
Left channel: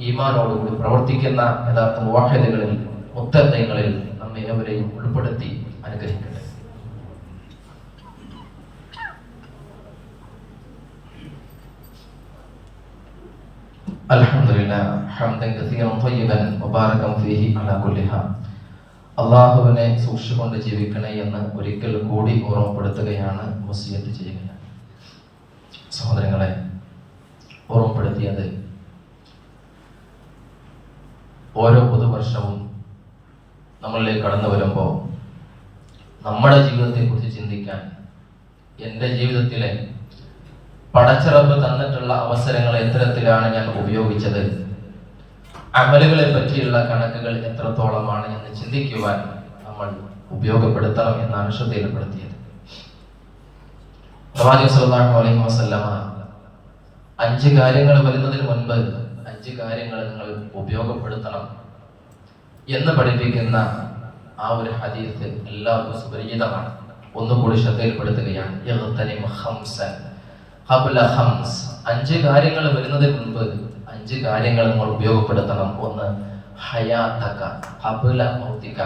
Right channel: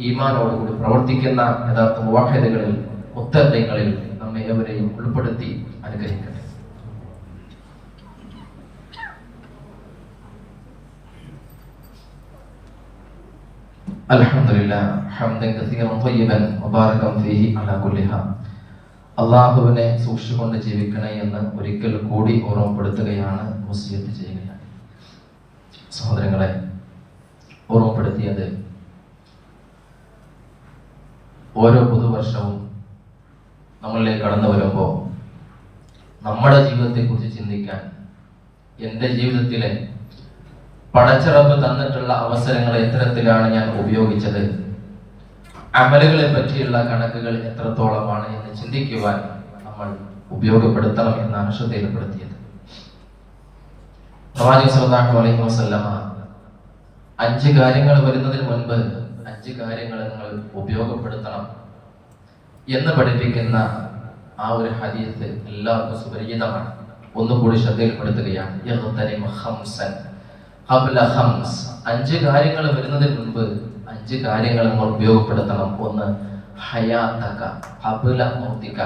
ഈമാനോടുകൂടി പ്രവർത്തിക്കുന്ന യഥാർത്ഥ മുവഹ്ഹിദുകളിൽ, മുത്തഖീങ്ങളിൽ നമ്മെ ഏവരെയും ഉൾപ്പെടുത്തി അനുഗ്രഹിക്കട്ടെ. അൽഹംദുലില്ലാഹ് ഹംദൻ കസീറൻ ത്വയ്യിബൻ മുബാറകൻ ഫീഹി അലാ കുല്ലി ഹാൽ. അല്ലാഹുവിനെ സൂക്ഷിച്ചുകൊണ്ട് ജീവിക്കണേ എന്ന് ഒരിക്കൽ കൂടി ഓർമ്മപ്പെടുത്തുകയാണ്, വസിയത്ത് ചെയ്യുകയാണ്. സഹോദരങ്ങളെ, ഓർമ്മപ്പെടുത്തിയത് ഓരോ പുതുവർഷവും നമ്മളിലേക്ക് കടന്നു വരുമ്പോൾ നമ്മുടെ ജീവിതത്തെ കുറിച്ച് ചിന്തിക്കാൻ, എൻ്റെ ജീവിതത്തിലെ പടച്ചറബ് തന്നിട്ടുള്ള അവസരങ്ങൾ എത്തരത്തിലാണ് ഞാൻ ഉപയോഗിച്ചത്, അമലുകളെ പറ്റിയുള്ള കണക്കുകൾ എത്രത്തോളമാണ് എന്ന് ചിന്തിക്കുവാൻ നമ്മൾ ഉപയോഗപ്പെടുത്തണം എന്നാണ് ശ്രദ്ധയിൽപ്പെടുത്തിയത്. പ്രവാചകൻ സല്ലല്ലാഹു അലൈഹി വസല്ലമ 5 കാര്യങ്ങൾ വരുന്നതിന് മുൻപ് 5 കാര്യങ്ങൾ നിങ്ങൾ ഉപയോഗപ്പെടുത്തണം എന്ന് പഠിപ്പിക്കുന്ന ആ ഒരു ഹദീസ് എല്ലാവർക്കും സുപരിചിതമാണ്. ഒന്നുകൂടി ശ്രദ്ധയിൽപ്പെടുത്തുകയാണ്. 5 കാര്യങ്ങൾ വരുന്നതിന് മുൻപ് 5 കാര്യങ്ങൾ നമ്മൾ ഉപയോഗപ്പെടുത്തണം. 1, ഹയാതക ഖബ്ല മൗതിക,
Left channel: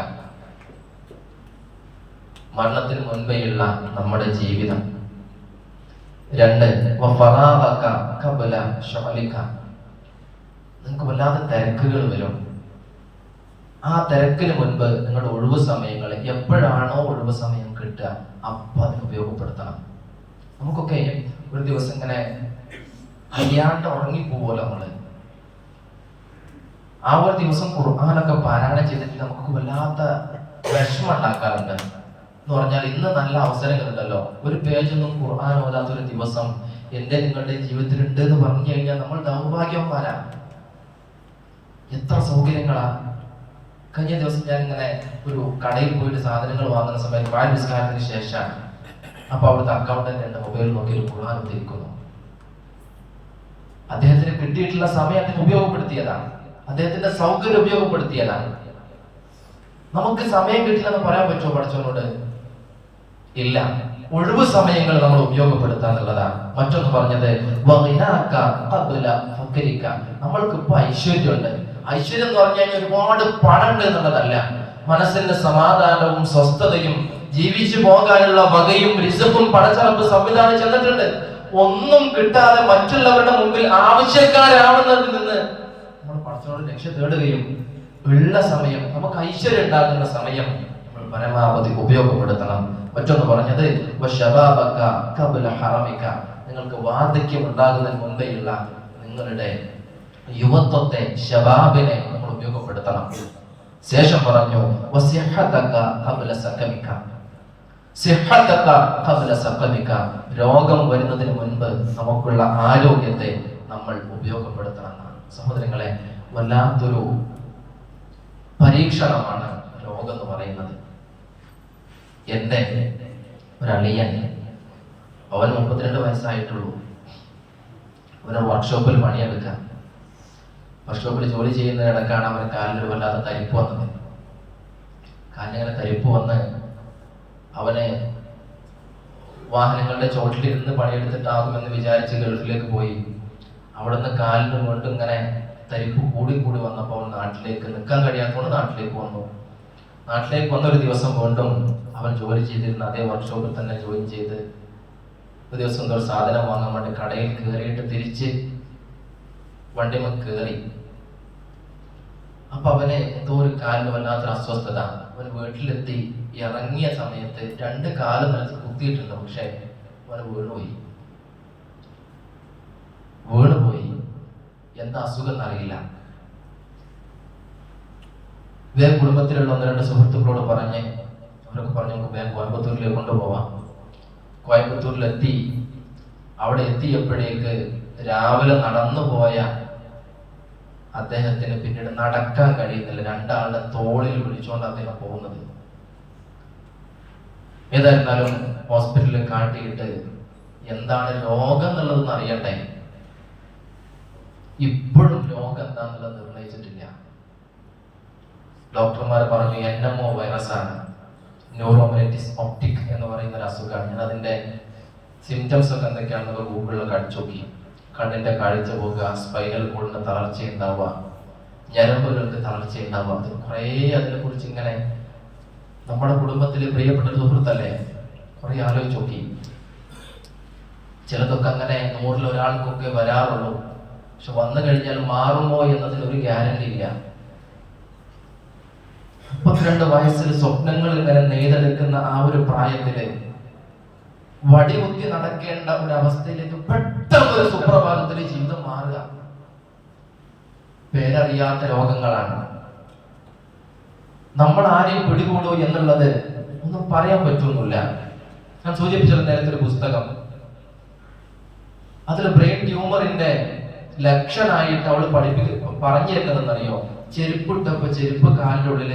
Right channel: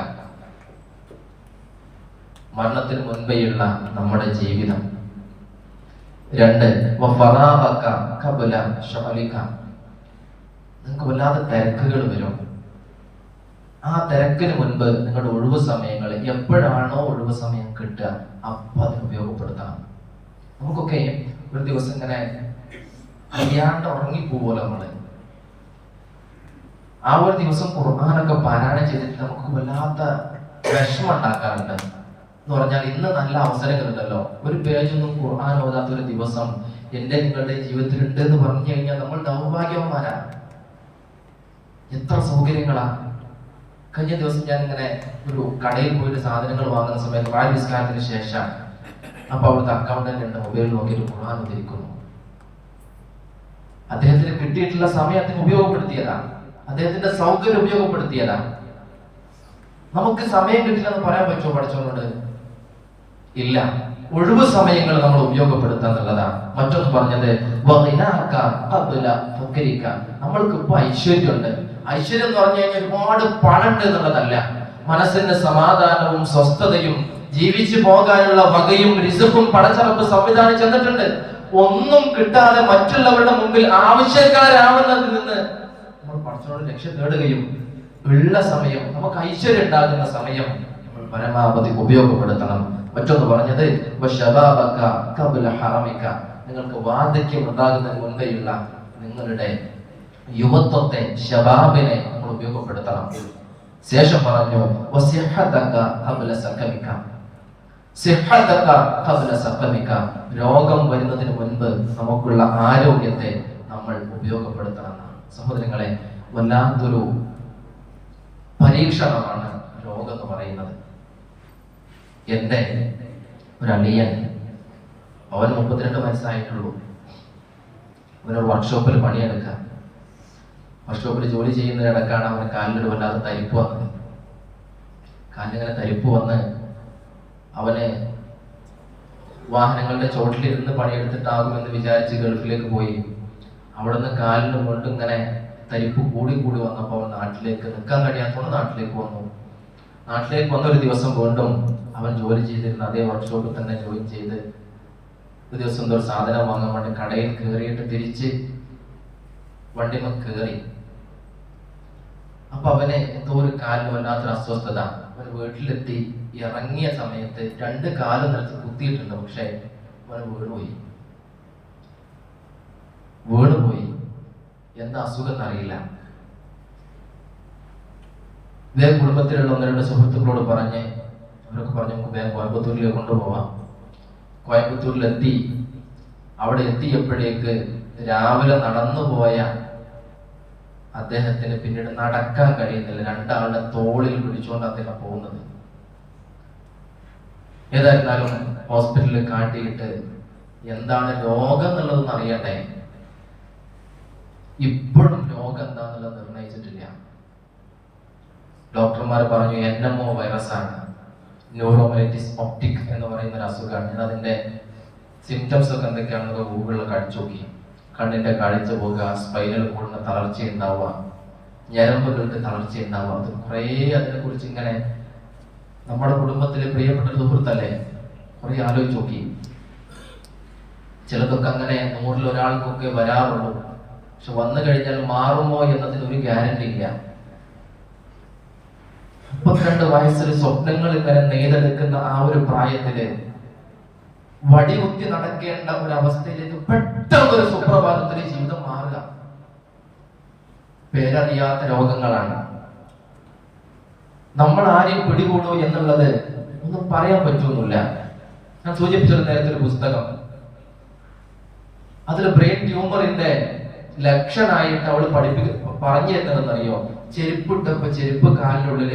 മരണത്തിന് മുൻപേയുള്ള നമ്മുടെ ജീവിതം. 2, വഫറാഗക ഖബ്ല ശുഅലിക, നിങ്ങൾക്ക് വല്ലാതെ തിരക്കുകൾ വരും, ആ തിരക്കിന് മുൻപ് നിങ്ങളുടെ ഒഴിവ് സമയങ്ങൾ എപ്പോഴാണോ ഒഴിവ് സമയം കിട്ടുക അപ്പൊ അതിന് ഉപയോഗപ്പെടുത്തണം. നമുക്കൊക്കെ ഒരു ദിവസം ഇങ്ങനെ അറിയാണ്ട് ഉറങ്ങിപ്പോവല്ലോ നമ്മള്. ആ ഒരു ദിവസം ഖുർആനൊക്കെ പാരായണം ചെയ്തിട്ട് നമുക്ക് വല്ലാത്ത വിഷമം ഉണ്ടാക്കാറുണ്ട്. എന്ന് പറഞ്ഞാൽ ഇന്ന് നല്ല അവസരങ്ങളുണ്ടല്ലോ, ഒരു പേജൊന്നും ഖുർആൻ ഓതാത്ത ഒരു ദിവസം എന്റെ നിങ്ങളുടെ ജീവിതത്തിൽ ഉണ്ട് എന്ന് പറഞ്ഞു കഴിഞ്ഞാൽ നമ്മൾ ദൗർഭാഗ്യവന്മാരാ. എത്ര സൗകര്യങ്ങളാ. കഴിഞ്ഞ ദിവസം ഞാൻ ഇങ്ങനെ ഒരു കടയിൽ പോയിട്ട് സാധനങ്ങൾ വാങ്ങുന്ന സമയത്ത് വായ നിസ്കാരത്തിന് ശേഷം അപ്പൊ അവിടുത്തെ അക്കൗണ്ടന്റ് മൊബൈൽ നോക്കി ഖുർആൻ ഉദ്ധരിക്കുന്നു. അദ്ദേഹത്തിന് കിട്ടിയിട്ടുള്ള സമയത്തിന് ഉപയോഗപ്പെടുത്തിയതാണ്, അദ്ദേഹത്തിന്റെ സൗകര്യം ഉപയോഗപ്പെടുത്തിയതാണ്. നമുക്ക് സമയം കിട്ടില്ലെന്ന് പറയാൻ പറ്റുമോ പഠിച്ചവരോട്? ഇല്ല. ഒഴിവ് സമയങ്ങൾ നമ്മൾ ഉപയോഗപ്പെടുത്താന്നുള്ളതാണ്. മറ്റൊന്ന് പറഞ്ഞത് നമ്മൾക്ക് ഇപ്പൊ ഐശ്വര്യമുണ്ട്. ഐശ്വര്യം എന്ന് പറഞ്ഞു കഴിഞ്ഞാൽ ഒരുപാട് പണം ഉണ്ട് എന്നുള്ളതല്ല, മനസ്സിന്റെ സമാധാനവും സ്വസ്ഥതയും ജീവിച്ചു പോകാനുള്ള വകയും റിസ്ക്കും പടച്ചറപ്പ് സംവിധാനം ചെന്നിട്ടുണ്ട്. ഒന്നും കിട്ടാതെ മറ്റുള്ളവരുടെ മുമ്പിൽ ആവശ്യക്കാരാവുന്നതിൽ നിന്ന് നമ്മൾ പടച്ചവനോട് രക്ഷ തേടുകയും ഉള്ള സമയം, നമുക്ക് ഐശ്വര്യം ഉണ്ടാകുന്ന സമയം പരമാവധി ഉപയോഗപ്പെടുത്തണം. മറ്റൊന്ന് പറഞ്ഞത് നിങ്ങൾക്ക് വാർദ്ധക്യം ഉണ്ടാകുന്നതിന് മുമ്പേയുള്ള നിങ്ങളുടെ യുവത്വത്തെ, ശബാബിനെ നമ്മൾ ഉപയോഗപ്പെടുത്തണം. ശേഷം പറഞ്ഞു രോഗം വരുന്നതിന് മുൻപ് നമുക്കുള്ള ആരോഗ്യത്തെ നമ്മൾ ഉപയോഗപ്പെടുത്തണം. സഹോദരങ്ങളെ, വല്ലാത്തൊരു പരീക്ഷണമാണ് രോഗം എന്ന് പറയുന്നത്. എന്റെ ഒരു അളിയൻ, അവന് 32 വയസ്സായിട്ടുള്ളൂ. അവനൊരു വർക്ക്ഷോപ്പിൽ പണിയെടുക്കാം. വർക്ക്ഷോപ്പിൽ ജോലി ചെയ്യുന്നതിനിടക്കാണ് അവന് കാലിലൊരു വല്ലാതെ തരിപ്പ് വന്നത്. കാലിങ്ങനെ തരിപ്പ് വന്ന് അവന് വാഹനങ്ങളുടെ ചോട്ടിലിരുന്ന് പണിയെടുത്തിട്ടാകുമെന്ന് വിചാരിച്ച് ഗൾഫിലേക്ക് പോയി. അവിടുന്ന് കാലിന് വീണ്ടും ഇങ്ങനെ തരിപ്പ് കൂടി കൂടി വന്നപ്പോൾ നാട്ടിലേക്ക് നിൽക്കാൻ കഴിയാത്തതുകൊണ്ട് നാട്ടിലേക്ക് വന്നു. നാട്ടിലേക്ക് വന്നൊരു ദിവസം വീണ്ടും അവൻ ജോലി ചെയ്തിരുന്ന അതേ വർക്ക്ഷോപ്പിൽ തന്നെ ജോയിൻ ചെയ്ത് ഒരു ദിവസം എന്തോ സാധനം വാങ്ങാൻ വേണ്ടി കടയിൽ കയറിയിട്ട് തിരിച്ച് വണ്ടിമ കയറി. അപ്പൊ അവന് എന്തോ ഒരു കാലിന് വല്ലാത്തൊരു അസ്വസ്ഥത. അവന് വീട്ടിലെത്തി ഇറങ്ങിയ സമയത്ത് 2 കാല് നിലത്ത് കുത്തിയിട്ടുണ്ട്. പക്ഷെ അവന് വീണുപോയി. എന്താ അസുഖം അറിയില്ല. ഇതേ കുടുംബത്തിലുള്ള 1-2 സുഹൃത്തുക്കളോട് പറഞ്ഞ് അവരൊക്കെ പറഞ്ഞു നമുക്ക് വേഗം കോയമ്പത്തൂരിലേക്ക് കൊണ്ടുപോവാം. കോയമ്പത്തൂരിലെത്തി. അവിടെ എത്തിയപ്പോഴേക്ക് രാവിലെ നടന്നുപോയ അദ്ദേഹത്തിന് പിന്നീട് നടക്കാൻ കഴിയുന്നില്ല. 2 ആളുടെ തോളിൽ പിടിച്ചുകൊണ്ട് അദ്ദേഹം പോകുന്നത്. ഏതായിരുന്നാലും ഹോസ്പിറ്റലിൽ കാട്ടിയിട്ട് എന്താണ് രോഗം എന്നുള്ളതെന്ന് അറിയണ്ടേ. ഇപ്പോഴും രോഗം എന്താണെന്നുള്ളത് നിർണയിച്ചിട്ടില്ല. ഡോക്ടർമാർ പറഞ്ഞു NMO വൈറസാണ്, ന്യൂറോമൈറ്റിസ് ഒപ്റ്റിക് എന്ന് പറയുന്ന ഒരു അസുഖമാണ്. ഞാൻ അതിന്റെ സിംറ്റംസ് ഒക്കെ എന്തൊക്കെയാണെന്ന് ഗൂഗിളിൽ അടിച്ചു നോക്കി. കണ്ണിന്റെ കാഴ്ച പോകുക, സ്പൈനൽ കോഡിന് തളർച്ച ഉണ്ടാവുക, ഞരമ്പുകൾക്ക് തളർച്ച ഉണ്ടാവുക. അത് കുറേ അതിനെ കുറിച്ച് ഇങ്ങനെ നമ്മുടെ കുടുംബത്തിലെ പ്രിയപ്പെട്ട സുഹൃത്തല്ലേ കുറെ ആലോചിച്ച് നോക്കി. ചിലതൊക്കെ അങ്ങനെ 100-ൽ ഒരാൾക്കൊക്കെ വരാറുള്ളൂ. പക്ഷെ വന്നു കഴിഞ്ഞാൽ മാറുമോ എന്നതിന് ഒരു ഗ്യാരണ്ടി ഇല്ല. 32 വയസ്സിൽ സ്വപ്നങ്ങൾ ഇങ്ങനെ നെയ്തെടുക്കുന്ന ആ ഒരു പ്രായത്തില് വടികുത്തി നടക്കേണ്ട ഒരു അവസ്ഥയിലേക്ക് പെട്ടെന്ന് ഒരു സുപ്രഭാതത്തിൽ ജീവിതം മാറുക. പേരറിയാത്ത രോഗങ്ങളാണ്. നമ്മൾ ആരെയും പിടികൂടോ എന്നുള്ളത് ഒന്നും പറയാൻ പറ്റുന്നില്ല. ഞാൻ സൂചിപ്പിച്ചത് നേരത്തെ ഒരു പുസ്തകം, അതിൽ ബ്രെയിൻ ട്യൂമറിന്റെ ലക്ഷണമായിട്ട് അവള് പറഞ്ഞു തരുന്നതെന്നറിയോ? ചെരുപ്പിട്ടപ്പോ ചെരുപ്പ് കാലിനുള്ളിൽ,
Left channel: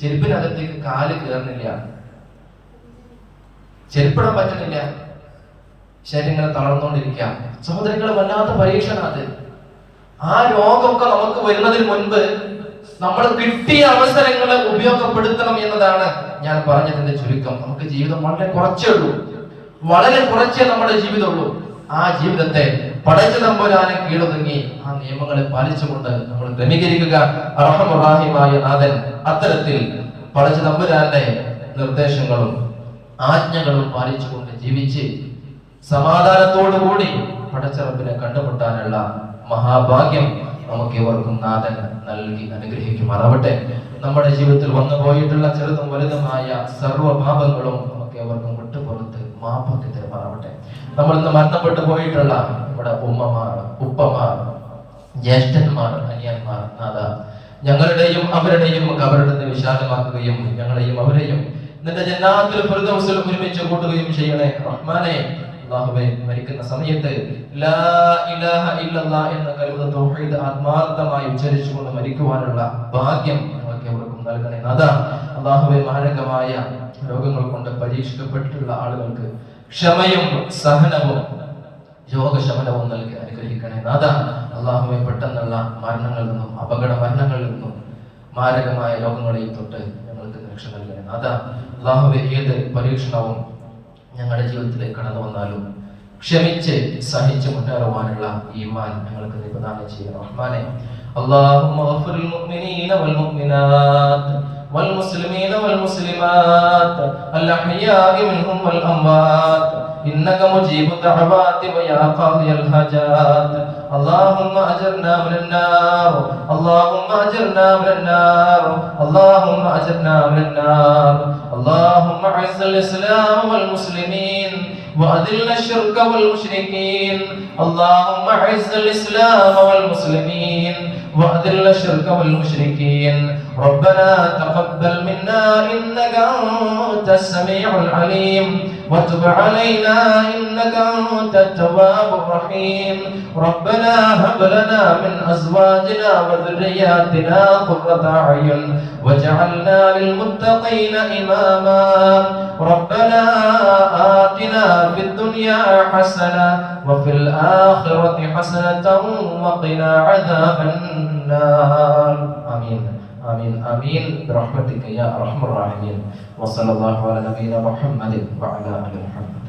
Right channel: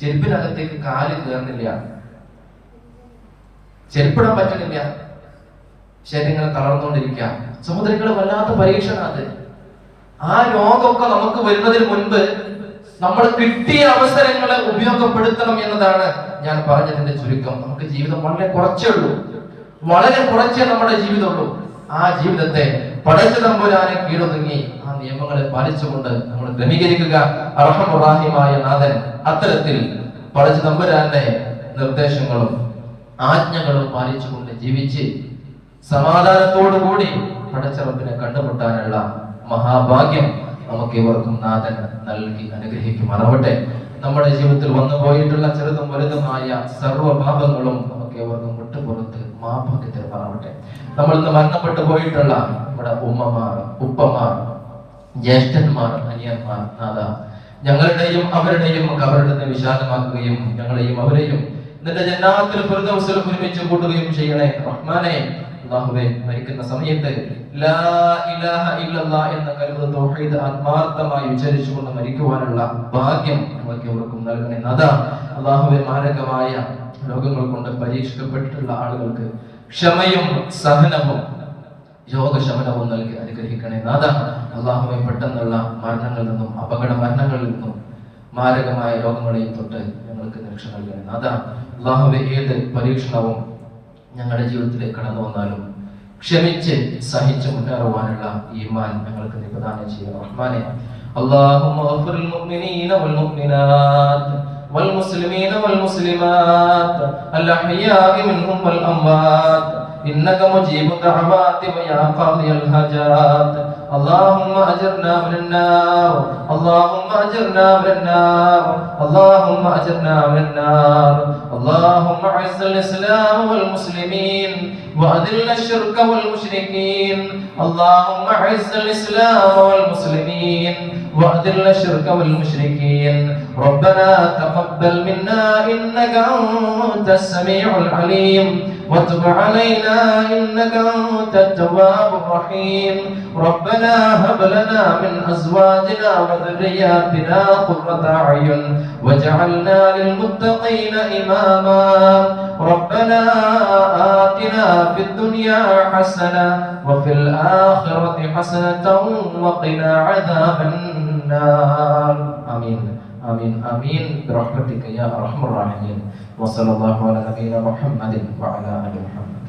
ചെരുപ്പിനകത്തേക്ക് കാല് കയറുന്നില്ല, ചെരുപ്പിടാൻ പറ്റുന്നില്ല, ശരീരങ്ങൾ തളർന്നുകൊണ്ടിരിക്കുക. സഹോദരങ്ങളെ, വല്ലാത്ത പരീക്ഷണം അത്. ആ രോഗമൊക്കെ നമുക്ക് വരുന്നതിന് മുൻപ് നമ്മൾ കിട്ടിയ അവസരങ്ങളെ ഉപയോഗപ്പെടുത്തണം എന്നതാണ് ഞാൻ പറഞ്ഞതിന്റെ ചുരുക്കം. നമുക്ക് ജീവിതം വളരെ കുറച്ചേ ഉള്ളൂ, വളരെ കുറച്ചേ നമ്മുടെ ജീവിതമുള്ളൂ. ആ ജീവിതത്തെ പടച്ച തമ്പുരാനെ കീഴൊതുങ്ങി ആ നിയമങ്ങളെ പാലിച്ചുകൊണ്ട് നമ്മൾ ക്രമീകരിക്കുക. അർഹമുറാഹിമായ നാഥൻ അത്തരത്തിൽ പടച്ച തമ്പുരാന്റെ നിർദ്ദേശങ്ങളും ആജ്ഞകളും പാലിച്ചുകൊണ്ട് ജീവിച്ച് സമാധാനത്തോടു കൂടി പടച്ച റബ്ബിനെ കണ്ടുമുട്ടാനുള്ള മഹാഭാഗ്യം നമുക്ക് ഇവർക്കും നാഥൻ നൽകി അനുഗ്രഹിക്കുമാറാവട്ടെ. നമ്മുടെ ജീവിതത്തിൽ വന്നു പോയിട്ടുള്ള ചെറുതും വലുതുമായ സർവ്വ പാപങ്ങളും നമുക്ക് ഇവർക്കും വിട്ടുപുറത്ത് മാപ്പാക്കി തരുമാറാവട്ടെ. നമ്മൾ ഇന്ന് മരണപ്പെട്ടു പോയിട്ടുള്ള നമ്മുടെ ഉമ്മമാർ, ഉപ്പമാർ, ജ്യേഷ്ഠന്മാർ, അനിയന്മാർ, നാഥ ഞങ്ങളുടെയും അവരുടെയും അവരുടെ വിശാലമാക്കുകയും ഞങ്ങളെയും അവരെയും നിന്റെ ജന്നാത്തുൽ ഫിർദൗസിൽ ഒരുമിച്ച് കൂട്ടുകയും ചെയ്യണേ റഹ്മാനേ. അല്ലാഹുവേ, മരിക്കുന്ന സമയത്ത് ലാ ഇലാഹ ഇല്ലല്ലാഹ് എന്ന കലിമത്ത് തൗഹീദ് ആത്മാർത്ഥമായി ഉച്ചരിച്ചുകൊണ്ട് മരിക്കുവാനുള്ള ഭാഗ്യം ഞങ്ങൾക്ക് എവർക്കും നൽകണേ നാഥ. അല്ലാഹുവേ, മാരകമായ രോഗങ്ങൾ കൊണ്ട് പരീക്ഷിക്കപ്പെട്ടിട്ടുള്ള ആളുകൾക്ക് ക്ഷമയും സഹനവും രോഗശമനവും നൽകി അനുഗ്രഹിക്കണേ നാഥ. അല്ലാഹുവേ, പെട്ടെന്നുള്ള മരണങ്ങളിൽ നിന്നും അപകട മരണങ്ങളിൽ നിന്നും മാരകമായ രോഗങ്ങളെയും തൊട്ട് ഞങ്ങൾക്ക് രക്ഷ നൽകണേ നാഥ. അല്ലാഹുവേ, ഏത് പരീക്ഷണവും ഞങ്ങളുടെ ജീവിതത്തിലേക്ക് കടന്നു വന്നാലും ക്ഷമിച്ച് സഹിച്ച് മുന്നേറുവാനുള്ള ഈമാൻ ഞങ്ങൾക്ക് പ്രദാനം ചെയ്യുക റഹ്മാനേ. اللهم اغفر للمؤمنين والمؤمنات والمسلمين والمسلمات الأحياء منهم والأموات إنك مجيب الدعوات ويا قاضي الحاجات. اللهم أجرنا من النار، اللهم أجرنا من النار، اللهم أجرنا من النار. اللهم أعز الإسلام والمسلمين وأذل الشرك والمشركين. اللهم أعز الإسلام والمسلمين وأذل الشرك والمشركين. ربنا تقبل منا إنك أنت السميع العليم وتب علينا إنك أنت التواب الرحيم. ربنا هب لنا من أزواجنا وذرياتنا قرة أعين واجعلنا للمتقين إماما. ربنا آتنا في الدنيا حسنة وفي الآخرة حسنة وقنا عذاب النار. آمين آمين آمين برحمتك يا أرحم الراحمين. وصلى الله على نبينا محمد وعلى آله محمد.